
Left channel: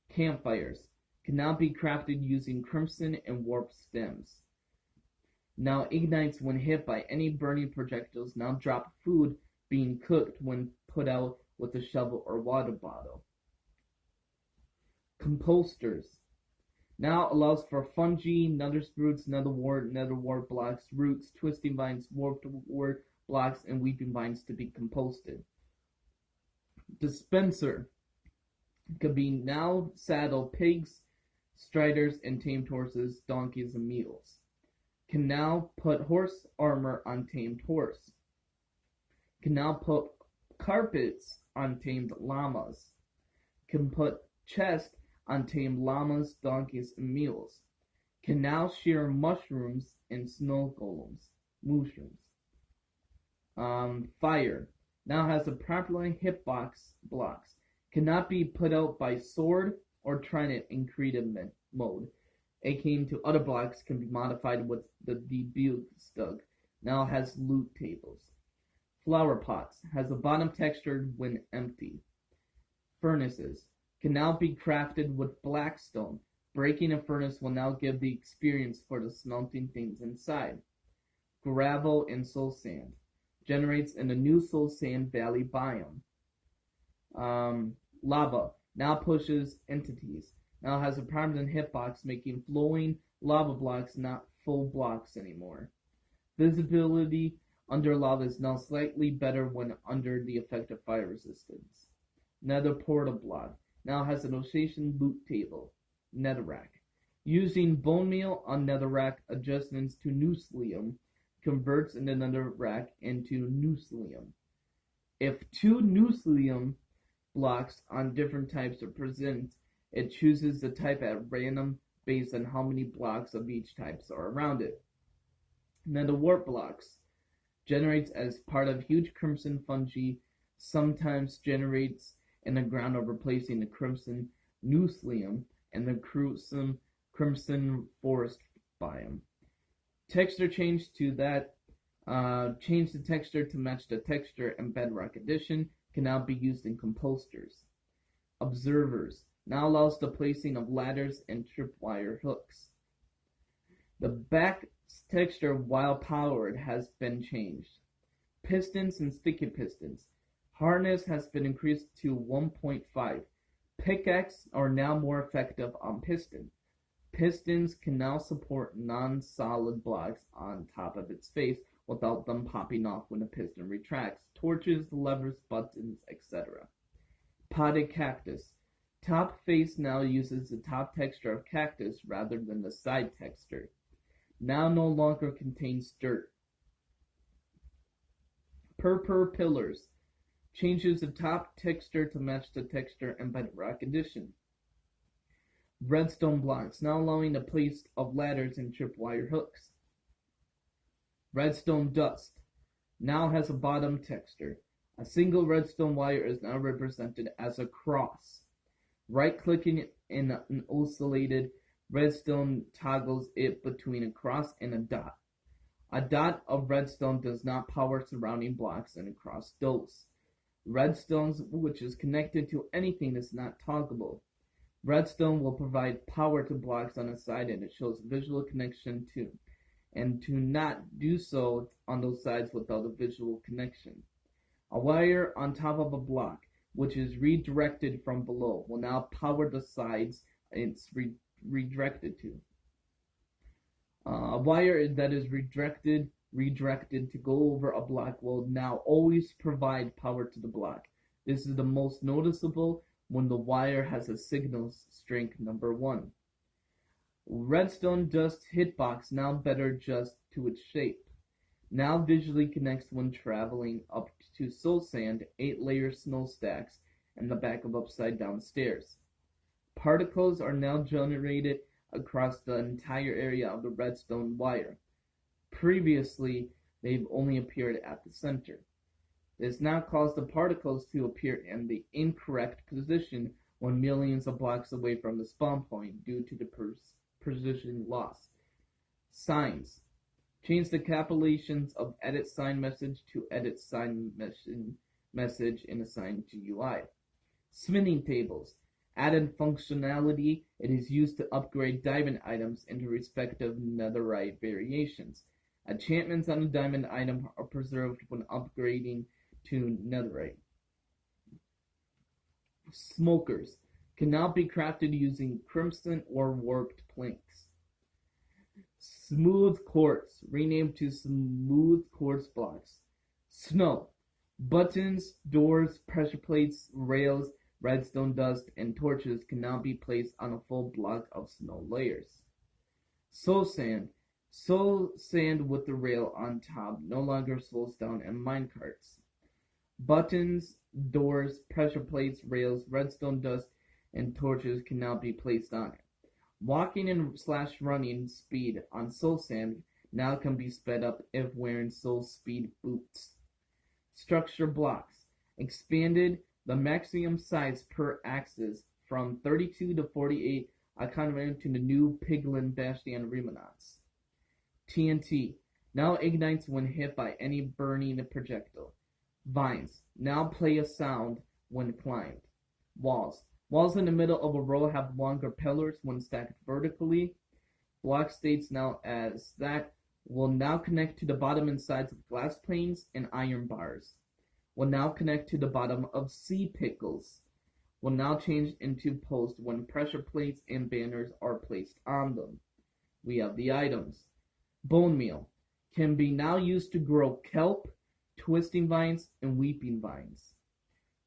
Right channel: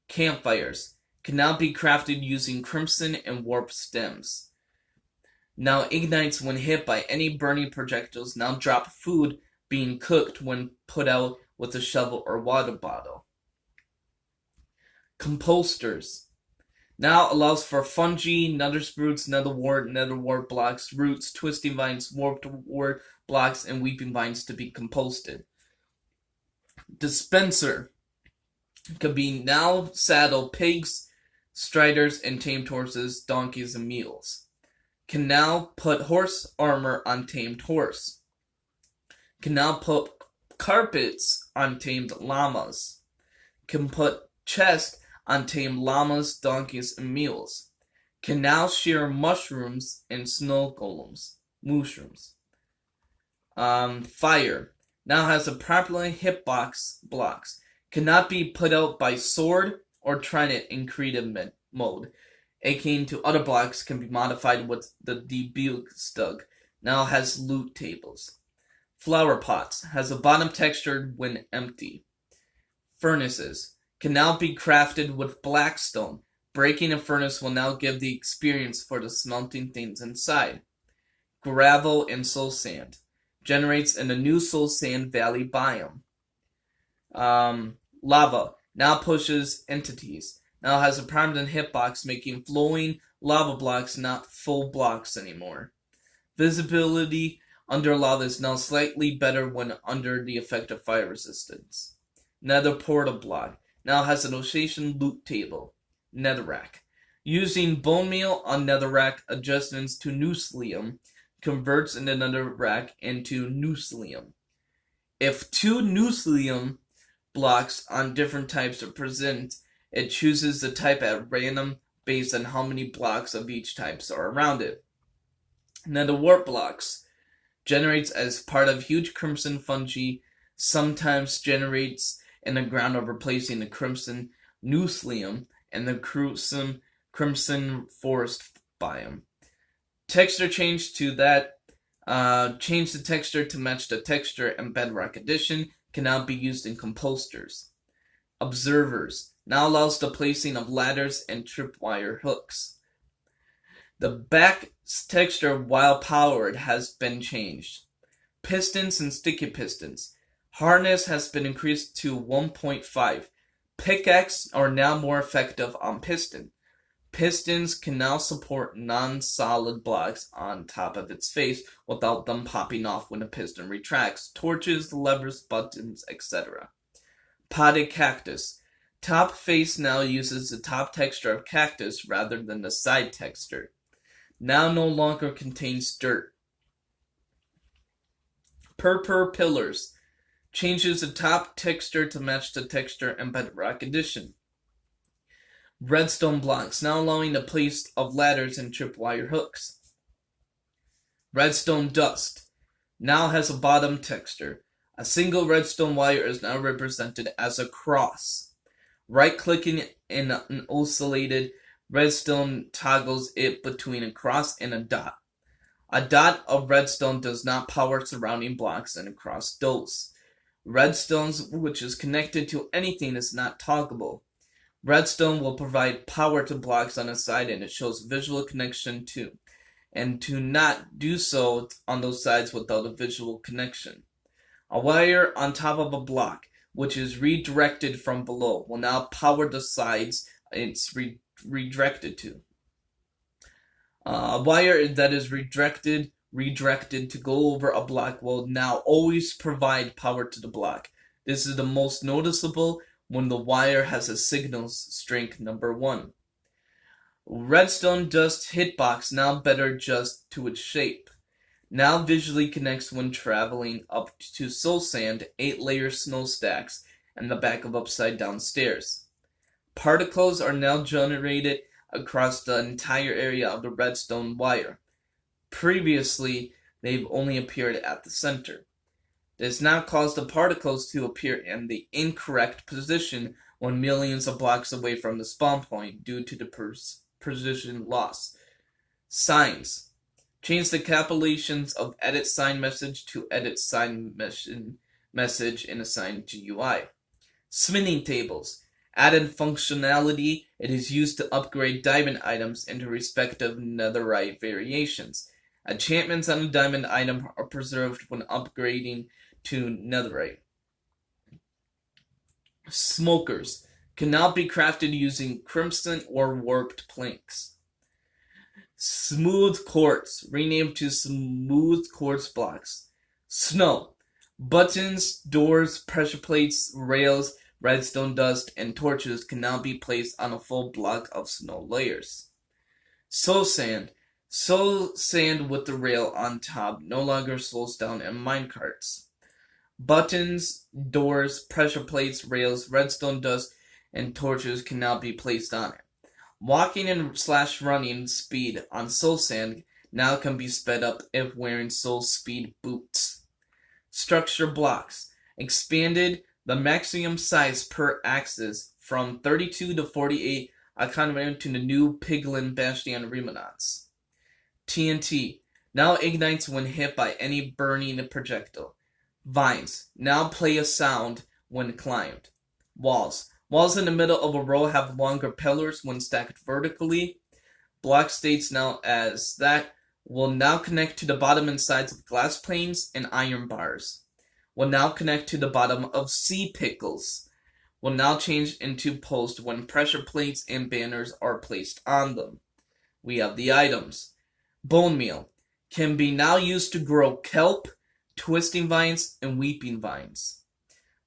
Campfires can now be crafted using crimson and warp stems. Now ignites when hit by any burning projectiles. Now drop food being cooked when put out with a shovel or water bottle. Composters now allows for fungi, nether sprouts, netherwort blocks, roots, twisting vines, warped wort blocks, and weeping vines to be composted. Dispenser could be now saddle pigs, striders, and tamed horses, donkeys, and mules. Can now put horse armor on tamed horse. Can now put carpets on tamed llamas. Can put chest on tamed llamas, donkeys, and mules. Can now shear mushrooms and snow golems. Mushrooms. Fire now has a properly hitbox blocks. Cannot be put out by sword or trident in creative mode. Akin to other blocks can be modified with the debug stug. Now has loot tables. Flower pots has a bottom textured when empty. Furnaces can now be crafted with blackstone. Breaking a furnace will now give the experience for the smelting things inside. Gravel and soul sand generates in the new Soul Sand Valley biome. Lava now pushes entities. Now has a permanent hitbox, making flowing lava blocks not full blocks anymore. Visibility under lava is now slightly better when under the effect of fire resistance. Nether portal block now has an oscillation loot table. Netherrack. Using bone meal on netherrack adjustments to nucleum converts the netherrack into nucleum. If two nucleum blocks on different types are present, it chooses the type at random based on how many blocks of each type are around it. Nether warp blocks generates as part of huge crimson fungi, sometimes generates in the ground of replacing the crimson nucleum and the crimson forest biome. Texture change to that. Change the texture to match the texture and bedrock edition can now be used in composters. Observers now allows the placing of ladders and tripwire hooks. The back texture while powered has been changed. Pistons and sticky pistons. Hardness has been increased to 1.5. Pickaxe are now more effective on piston. Pistons can now support non-solid blocks on top of its face without them popping off when a piston retracts. Torches, levers, buttons, etc. Potted cactus. Top face now uses the top texture of cactus rather than the side texture. Now no longer contains dirt. Purpur pillars. Changes the top texture to match the texture and bedrock edition. Redstone blocks, now allowing the place of ladders and tripwire hooks. Redstone dust, now has a bottom texture. A single redstone wire is now represented as a cross. Right-clicking in an oscillated redstone toggles it between a cross and a dot. A dot of redstone does not power surrounding blocks, and a cross does. Redstones, which is connected to anything, is not toggleable. Redstone will provide power to blocks on the side, and it shows visual connection to, and to not do so on those sides without a visual connection. A wire on top of a block, which is redirected from below, will now power the sides it's redirected to. Wire that is redirected to go over a block will now always provide power to the block. This is the most noticeable when the wire has a signal strength number 1. Redstone dust hitbox now better just to its shape. Now visually connects when traveling up to soul sand, 8-layer snow stacks, and the back of upside down stairs. Particles are now generated across the entire area of the redstone wire. Previously, they've only appeared at the center. This now caused the particles to appear in the incorrect position when millions of blocks away from the spawn point due to the precision loss. Signs. Change the capitalizations of edit sign message to edit sign message in assigned GUI. Smithing tables. Added functionality, it is used to upgrade diamond items into respective netherite variations. Enchantments on a diamond item are preserved when upgrading to netherite. Smokers can now be crafted using crimson or warped planks. Smooth quartz, renamed to smooth quartz blocks. Snow. Buttons, doors, pressure plates, rails, redstone dust, and torches can now be placed on a full block of snow layers. Soul sand. Soul sand with the rail on top no longer slows down in minecarts. Buttons, doors, pressure plates, rails, redstone dust, and torches can now be placed on it. Walking and /running speed on soul sand now can be sped up if wearing soul speed boots. Structure blocks. Expanded the maximum size per axis from 32 to 48 according to the new Piglin Bastion Remonauts. TNT now ignites when hit by any burning projectile. Vines now play a sound when climbed. Walls. Walls in the middle of a row have longer pillars when stacked vertically. Block states now as that will now connect to the bottom and sides of glass planes and iron bars. Will now connect to the bottom of sea pickles. Will now change into post when pressure plates and banners are placed on them. We have the items. Bone meal can be now used to grow kelp, twisting vines, and weeping vines.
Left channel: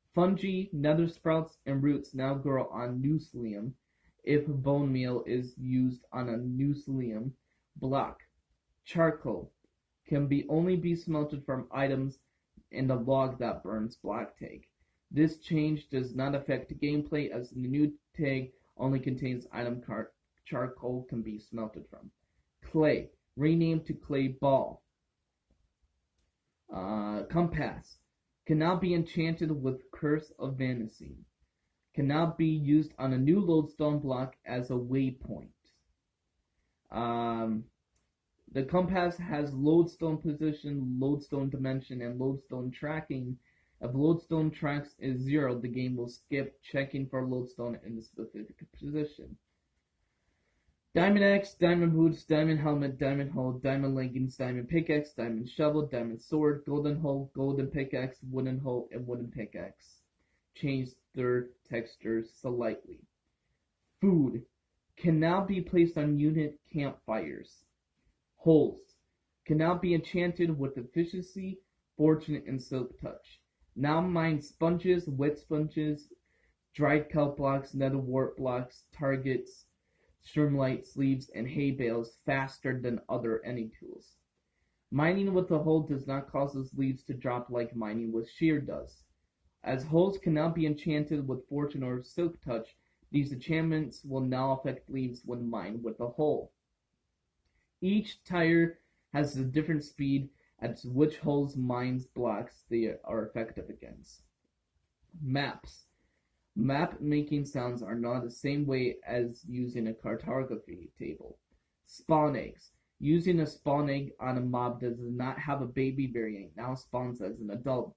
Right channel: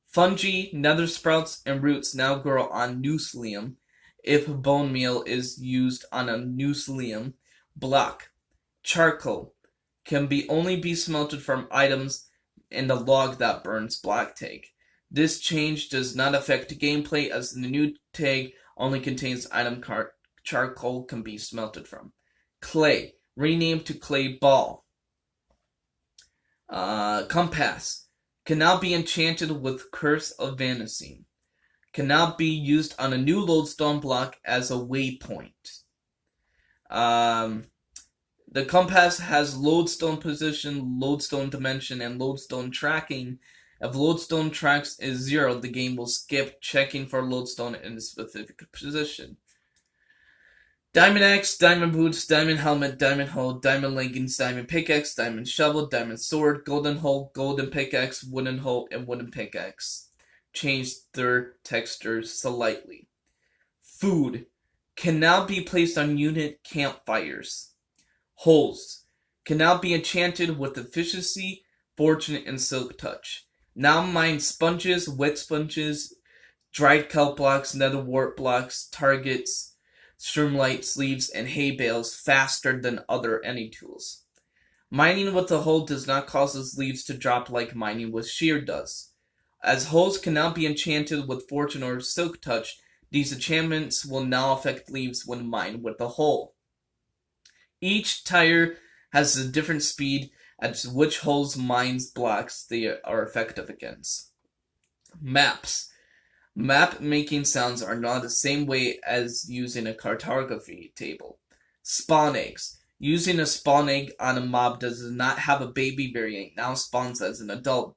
Fungi, nether sprouts, and roots now grow on Nuslium if bone meal is used on a Nuslium block. Charcoal can only be smelted from items in the log that burns block tag. This change does not affect gameplay as the new tag only contains item charcoal can be smelted from. Clay, renamed to clay ball. Compass can now be enchanted with Curse of Vanishing. Can now be used on a new lodestone block as a waypoint. The compass has lodestone position, lodestone dimension, and lodestone tracking. If lodestone tracks is 0, the game will skip checking for lodestone in a specific position. Diamond axe, diamond boots, diamond helmet, diamond hoe, diamond leggings, diamond pickaxe, diamond shovel, diamond sword, golden hoe, golden pickaxe, wooden hoe, and wooden pickaxe. Change their textures slightly. Food can now be placed on unit campfires. Holes can now be enchanted with efficiency, fortune, and silk touch. Now mine sponges, wet sponges, dried kelp blocks, nether wart blocks, targets, streamlight sleeves, and hay bales faster than other any tools. Mining with a hole does not cause its leaves to drop like mining with shear does. As holes can now be enchanted with fortune or silk touch, these enchantments will now affect leaves when mined with a hole. Each tire has a different speed at which holes mines blocks they are effective against. Maps. Map making sounds are not the same way as using a cartography table. Spawn eggs. Using a spawn egg on a mob does not have a baby variant, now spawns as an adult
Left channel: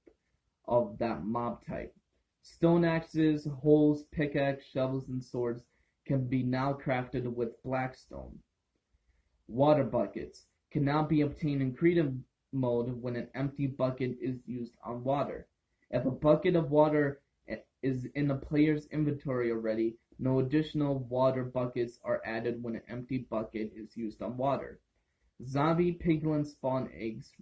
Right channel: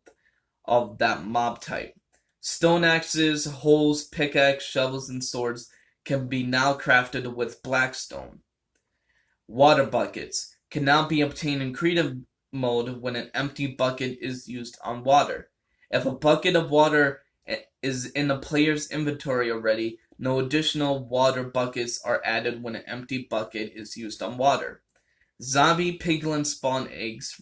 of that mob type. Stone axes, hoes, pickaxe, shovels, and swords can be now crafted with blackstone. Water buckets can now be obtained in creative mode when an empty bucket is used on water. If a bucket of water is in the player's inventory already, no additional water buckets are added when an empty bucket is used on water. Zombie piglin spawn eggs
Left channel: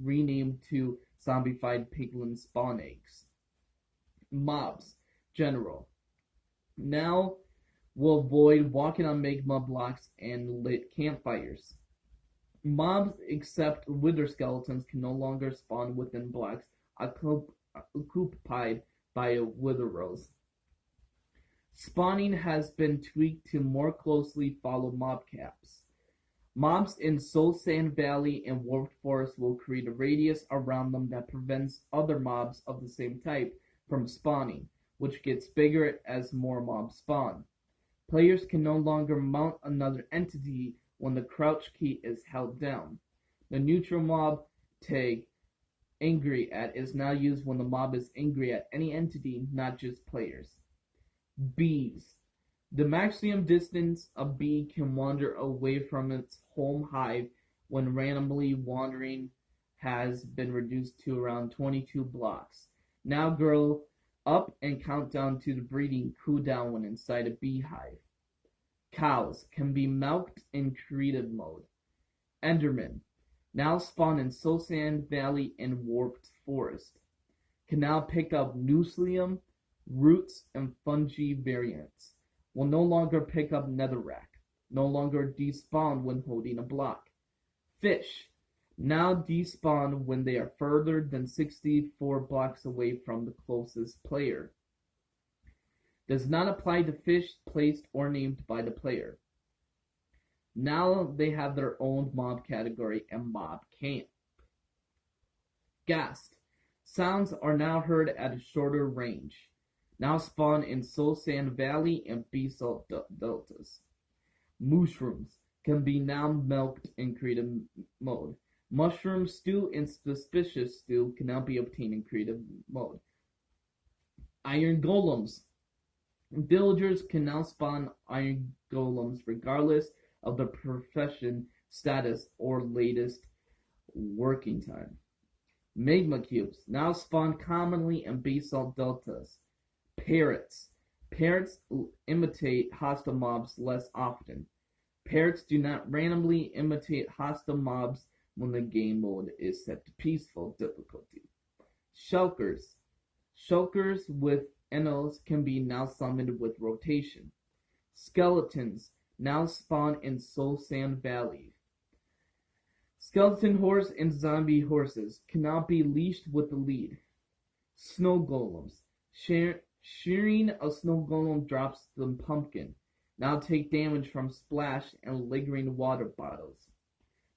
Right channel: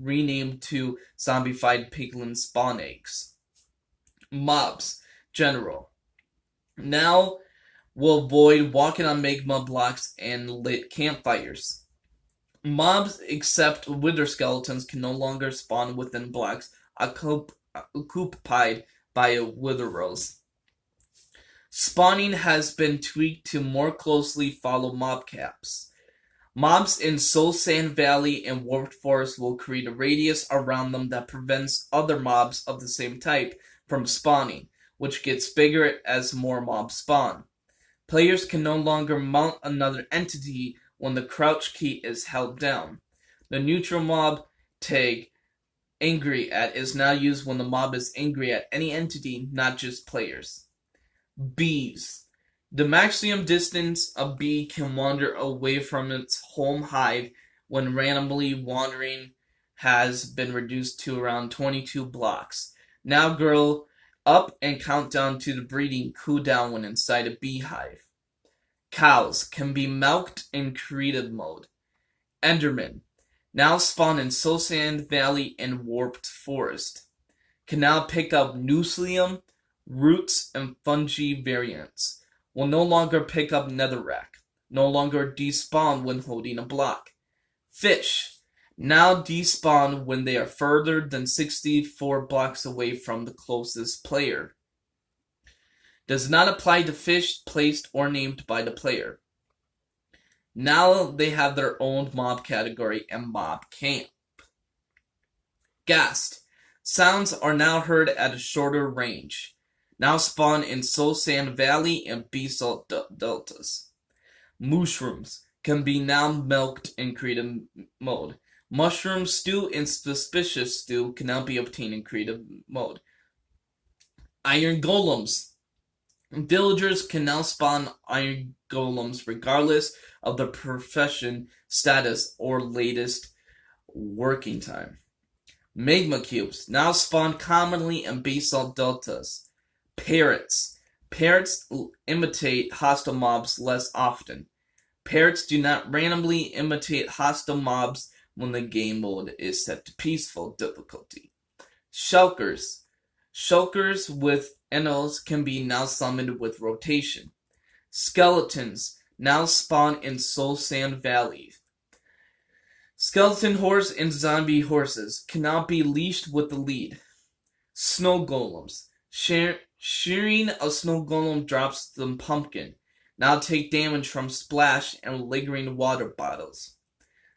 renamed to zombified piglin spawn eggs. Mobs. General. Now will avoid walking on magma blocks and lit campfires. Mobs except wither skeletons can no longer spawn within blocks occupied by wither rows. Spawning has been tweaked to more closely follow mob caps. Mobs in Soul Sand Valley and Warped Forest will create a radius around them that prevents other mobs of the same type from spawning, which gets bigger as more mobs spawn. Players can no longer mount another entity when the crouch key is held down. The neutral mob tag angry at is now used when the mob is angry at any entity, not just players. Bees. The maximum distance a bee can wander away from its home hive when randomly wandering has been reduced to around 22 blocks. Now grow up and count down to the breeding cooldown when inside a beehive. Cows can be milked in creative mode. Enderman, now spawn in Soul Sand Valley and Warped Forest, can now pick up Nucleum, roots, and fungi variants. Will no longer pick up netherrack. No longer despawn when holding a block. Fish, now despawn when they are further than 64 blocks away from the closest player. Does not apply to fish placed or named by the player. Now they have their own mob category and mob camp. Ghast. Sounds are now heard at a shorter range. Now spawn in Soul Sand Valley and Basalt Deltas. Mushrooms can be now milked in creative mode. Mushroom stew and suspicious stew can now be obtained in creative mode. Iron golems. Villagers can now spawn iron golems regardless of their profession, status, or latest working time. Magma cubes now spawn commonly in basalt deltas. Parrots. Parrots imitate hostile mobs less often. Parrots do not randomly imitate hostile mobs when the game mode is set to peaceful difficulty. Shulkers. Shulkers with NLs can be now summoned with rotation. Skeletons now spawn in Soul Sand Valley. Skeleton horse and zombie horses can now be leashed with the lead. Snow golems. Shearing a snow golem drops the pumpkin. Now take damage from splash and lingering water bottles.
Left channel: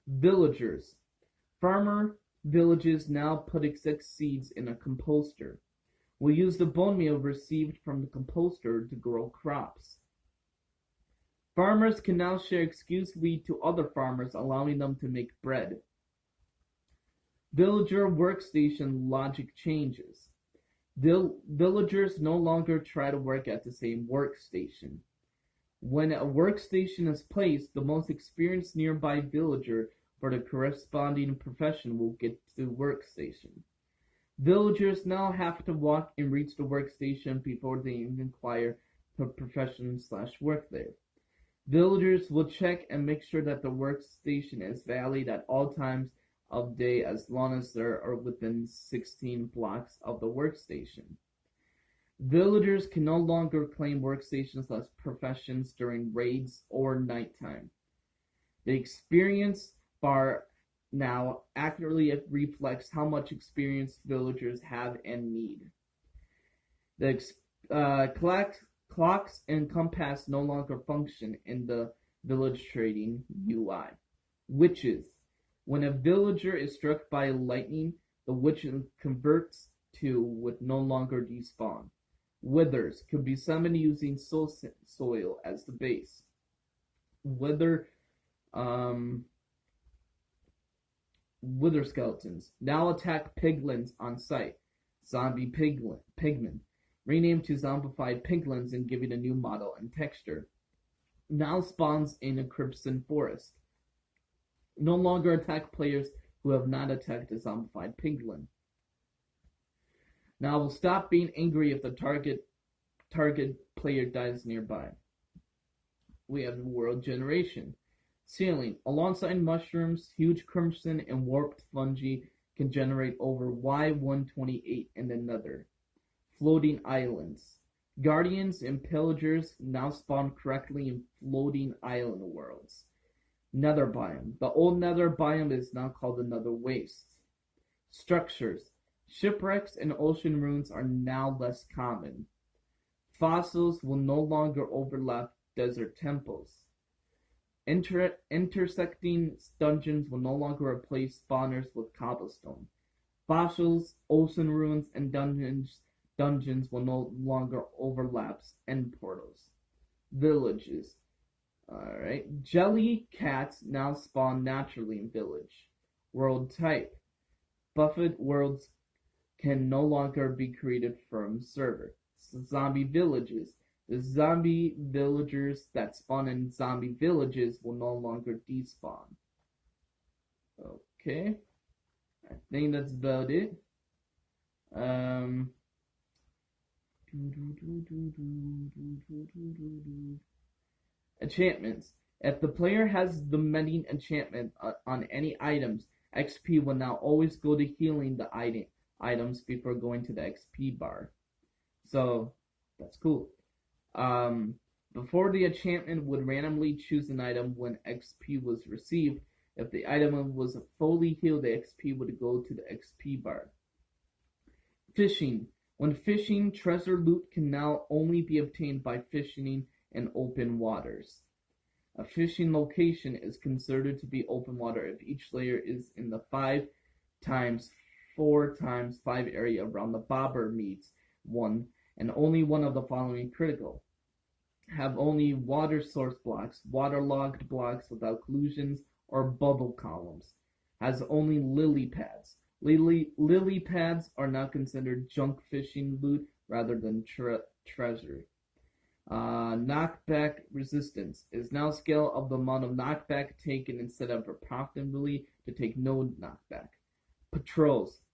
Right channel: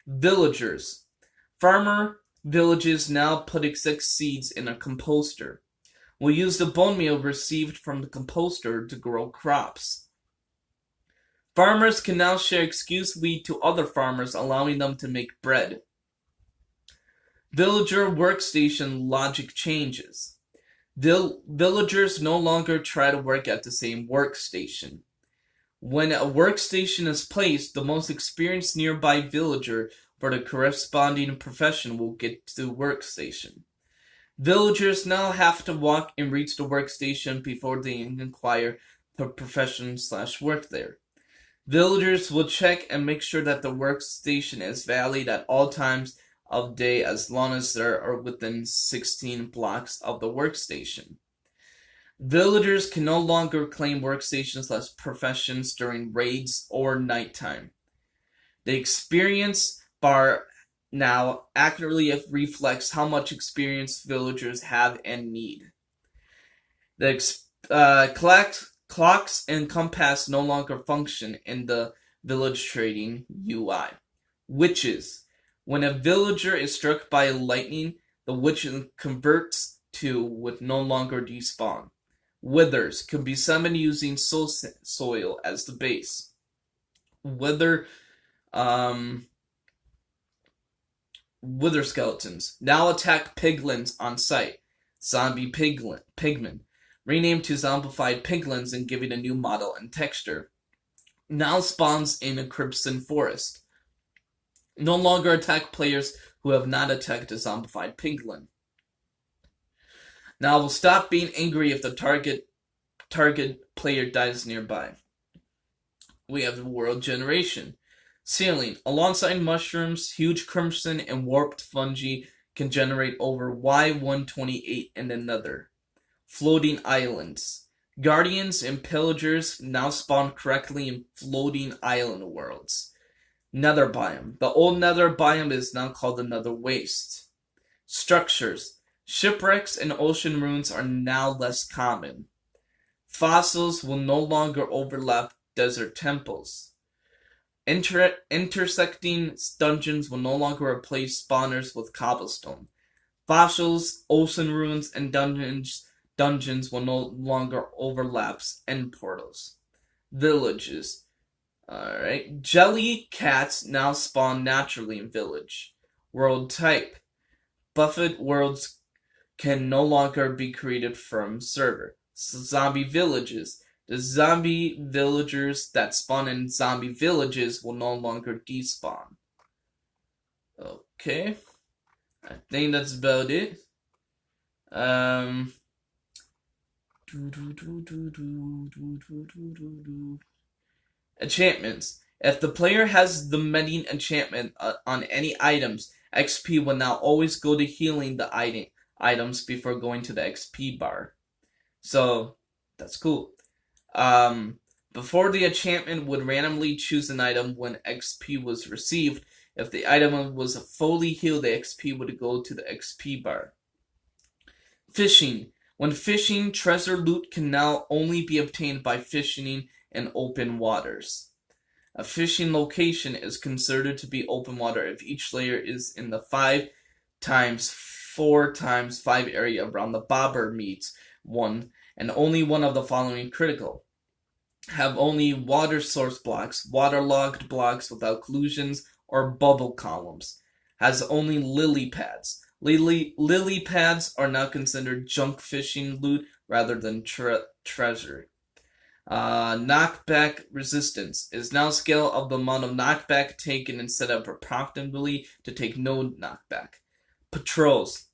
Villagers. Farmer villages now put exact seeds in a composter. Will use the bone meal received from the composter to grow crops. Farmers can now share excuse wheat to other farmers, allowing them to make bread. Villager workstation logic changes. Villagers no longer try to work at the same workstation. When a workstation is placed, the most experienced nearby villager for the corresponding profession will get to the workstation. Villagers now have to walk and reach the workstation before they inquire the profession/work there. Villagers will check and make sure that the workstation is valid at all times of day as long as they are within 16 blocks of the workstation. Villagers can no longer claim workstations/professions during raids or nighttime. The experience bar now accurately reflects how much experience villagers have and need. The clocks and compass no longer function in the village trading UI. Witches. When a villager is struck by lightning, the witch converts to with no longer despawn. Withers can be summoned using soil as the base. Wither skeletons now attack piglins on sight. Zombie pigmen, renamed to zombified piglins and giving a new model and texture, now spawns in a crimson forest. No longer attack players who have not attacked a zombified piglin. Now will stop being angry if the target player dies nearby. We have the world generation. Ceiling. Alongside mushrooms, huge crimson and warped fungi can generate over Y128 in the nether. Floating islands. Guardians and pillagers now spawn correctly in floating island worlds. Nether biome. The old nether biome is now called the nether waste. Structures. Shipwrecks and ocean ruins are now less common. Fossils will no longer overlap desert temples. Intersecting dungeons will no longer replace spawners with cobblestone. Fossils, ocean ruins, and dungeons will no longer overlap end portals. Villages. Alright. Jelly cats now spawn naturally in village. World type. Buffet worlds can no longer be created from server. Zombie villages. The zombie villagers that spawn in zombie villages will no longer despawn. Okay. I think that's about it. Enchantments. If the player has the mending enchantment on any items, XP will now always go to healing the items before going to the XP bar. So, that's cool. Before the enchantment would randomly choose an item when XP was received. If the item was fully healed, the XP would go to the XP bar. Fishing. When fishing, treasure loot can now only be obtained by fishing in open waters. A fishing location is considered to be open water if each layer is in the 5 times 4 times 5 area around the bobber meets 1, and only one of the following critical. Have only water source blocks, waterlogged blocks without collisions or bubble columns. Has only lily pads. Lily pads are now considered junk fishing loot rather than treasure. Knockback resistance is now scale of the amount of knockback taken instead of approximately to take no knockback. Patrols.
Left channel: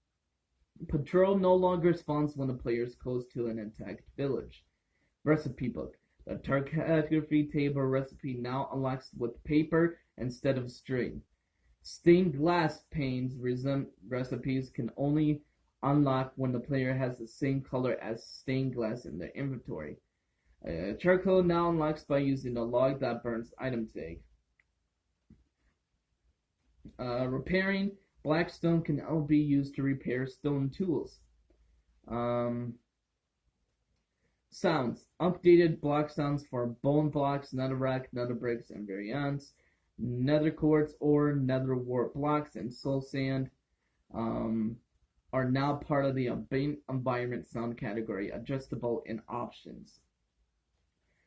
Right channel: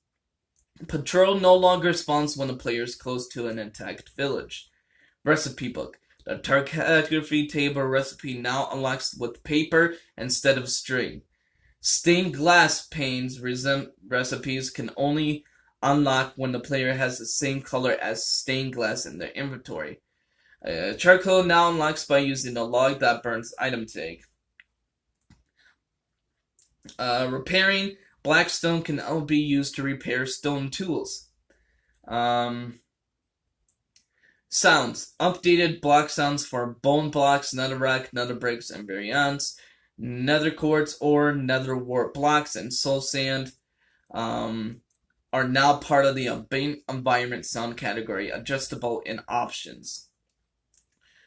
Patrol no longer spawns when the player is close to an attacked village. Recipe book. The cartography table recipe now unlocks with paper instead of string. Stained glass panes recipes can only unlock when the player has the same color as stained glass in their inventory. Charcoal now unlocks by using the log that burns item tag. Repairing. Blackstone can now be used to repair stone tools. Sounds. Updated block sounds for bone blocks, netherrack, nether bricks, and variants. Nether quartz or nether wart blocks and soul sand are now part of the environment sound category, adjustable in options.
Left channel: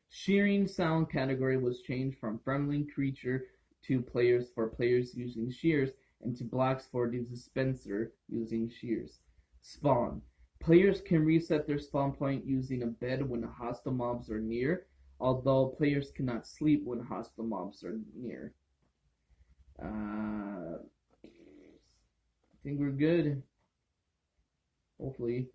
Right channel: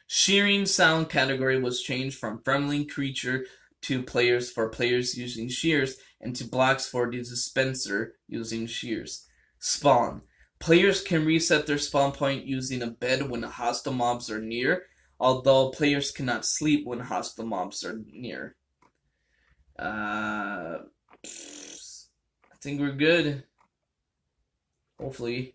Shearing sound category was changed from friendly creature to players for players using shears and to blocks for the dispenser using shears. Spawn. Players can reset their spawn point using a bed when hostile mobs are near, although players cannot sleep when hostile mobs are near. I think we're good. Hopefully.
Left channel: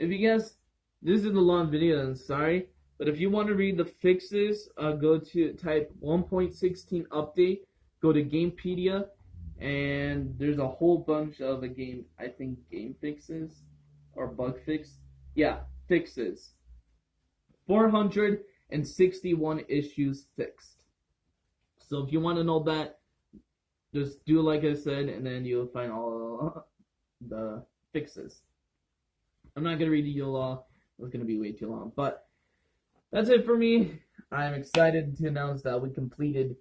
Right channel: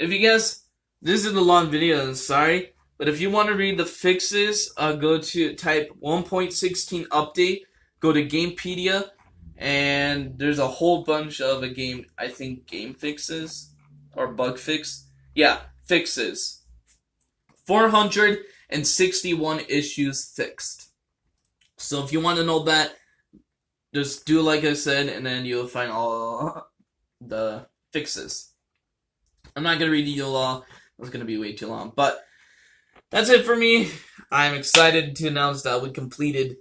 If you guys, this is a long video, I'm sorry, but if you want to read the fixes, go to type 1.16 update, go to Gamepedia, and there's a whole bunch of game fixes, or bug fix. Yeah, fixes. 461 issues fixed. So if you want to know that, just do like I said, and then you'll find all the fixes. I'm not going to read you all. It's going to be way too long. But that's it for me. I'm excited to announce that we completed,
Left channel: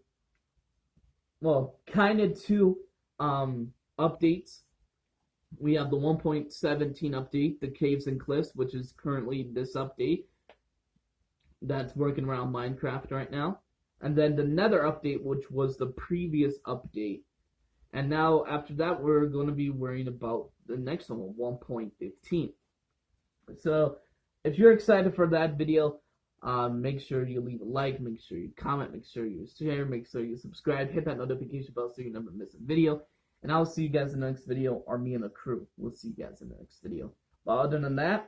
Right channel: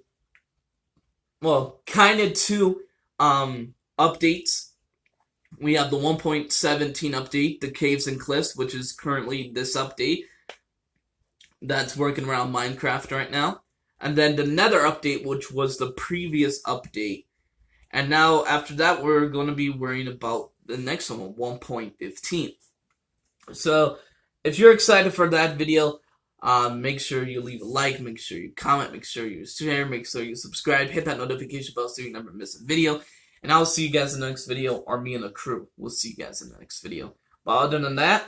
well, kind of 2 updates. We have the 1.17 update, the Caves and Cliffs, which is currently this update. That's working around Minecraft right now. And then the Nether update, which was the previous update. And now, after that, we're going to be worrying about the next one, 1.15. So, if you're excited for that video, Make sure you leave a like, make sure you comment, make sure you share, make sure you subscribe, hit that notification bell so you never miss a video. And I'll see you guys in the next video, or me and the crew will see you guys in the next video. But other than that,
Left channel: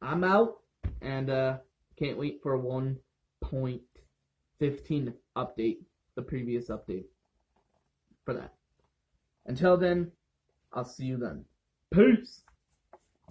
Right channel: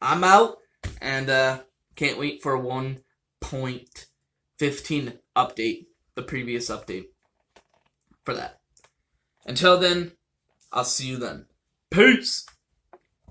I'm out, and can't wait for 1.15 update, the previous update for that. Until then, I'll see you then. Peace!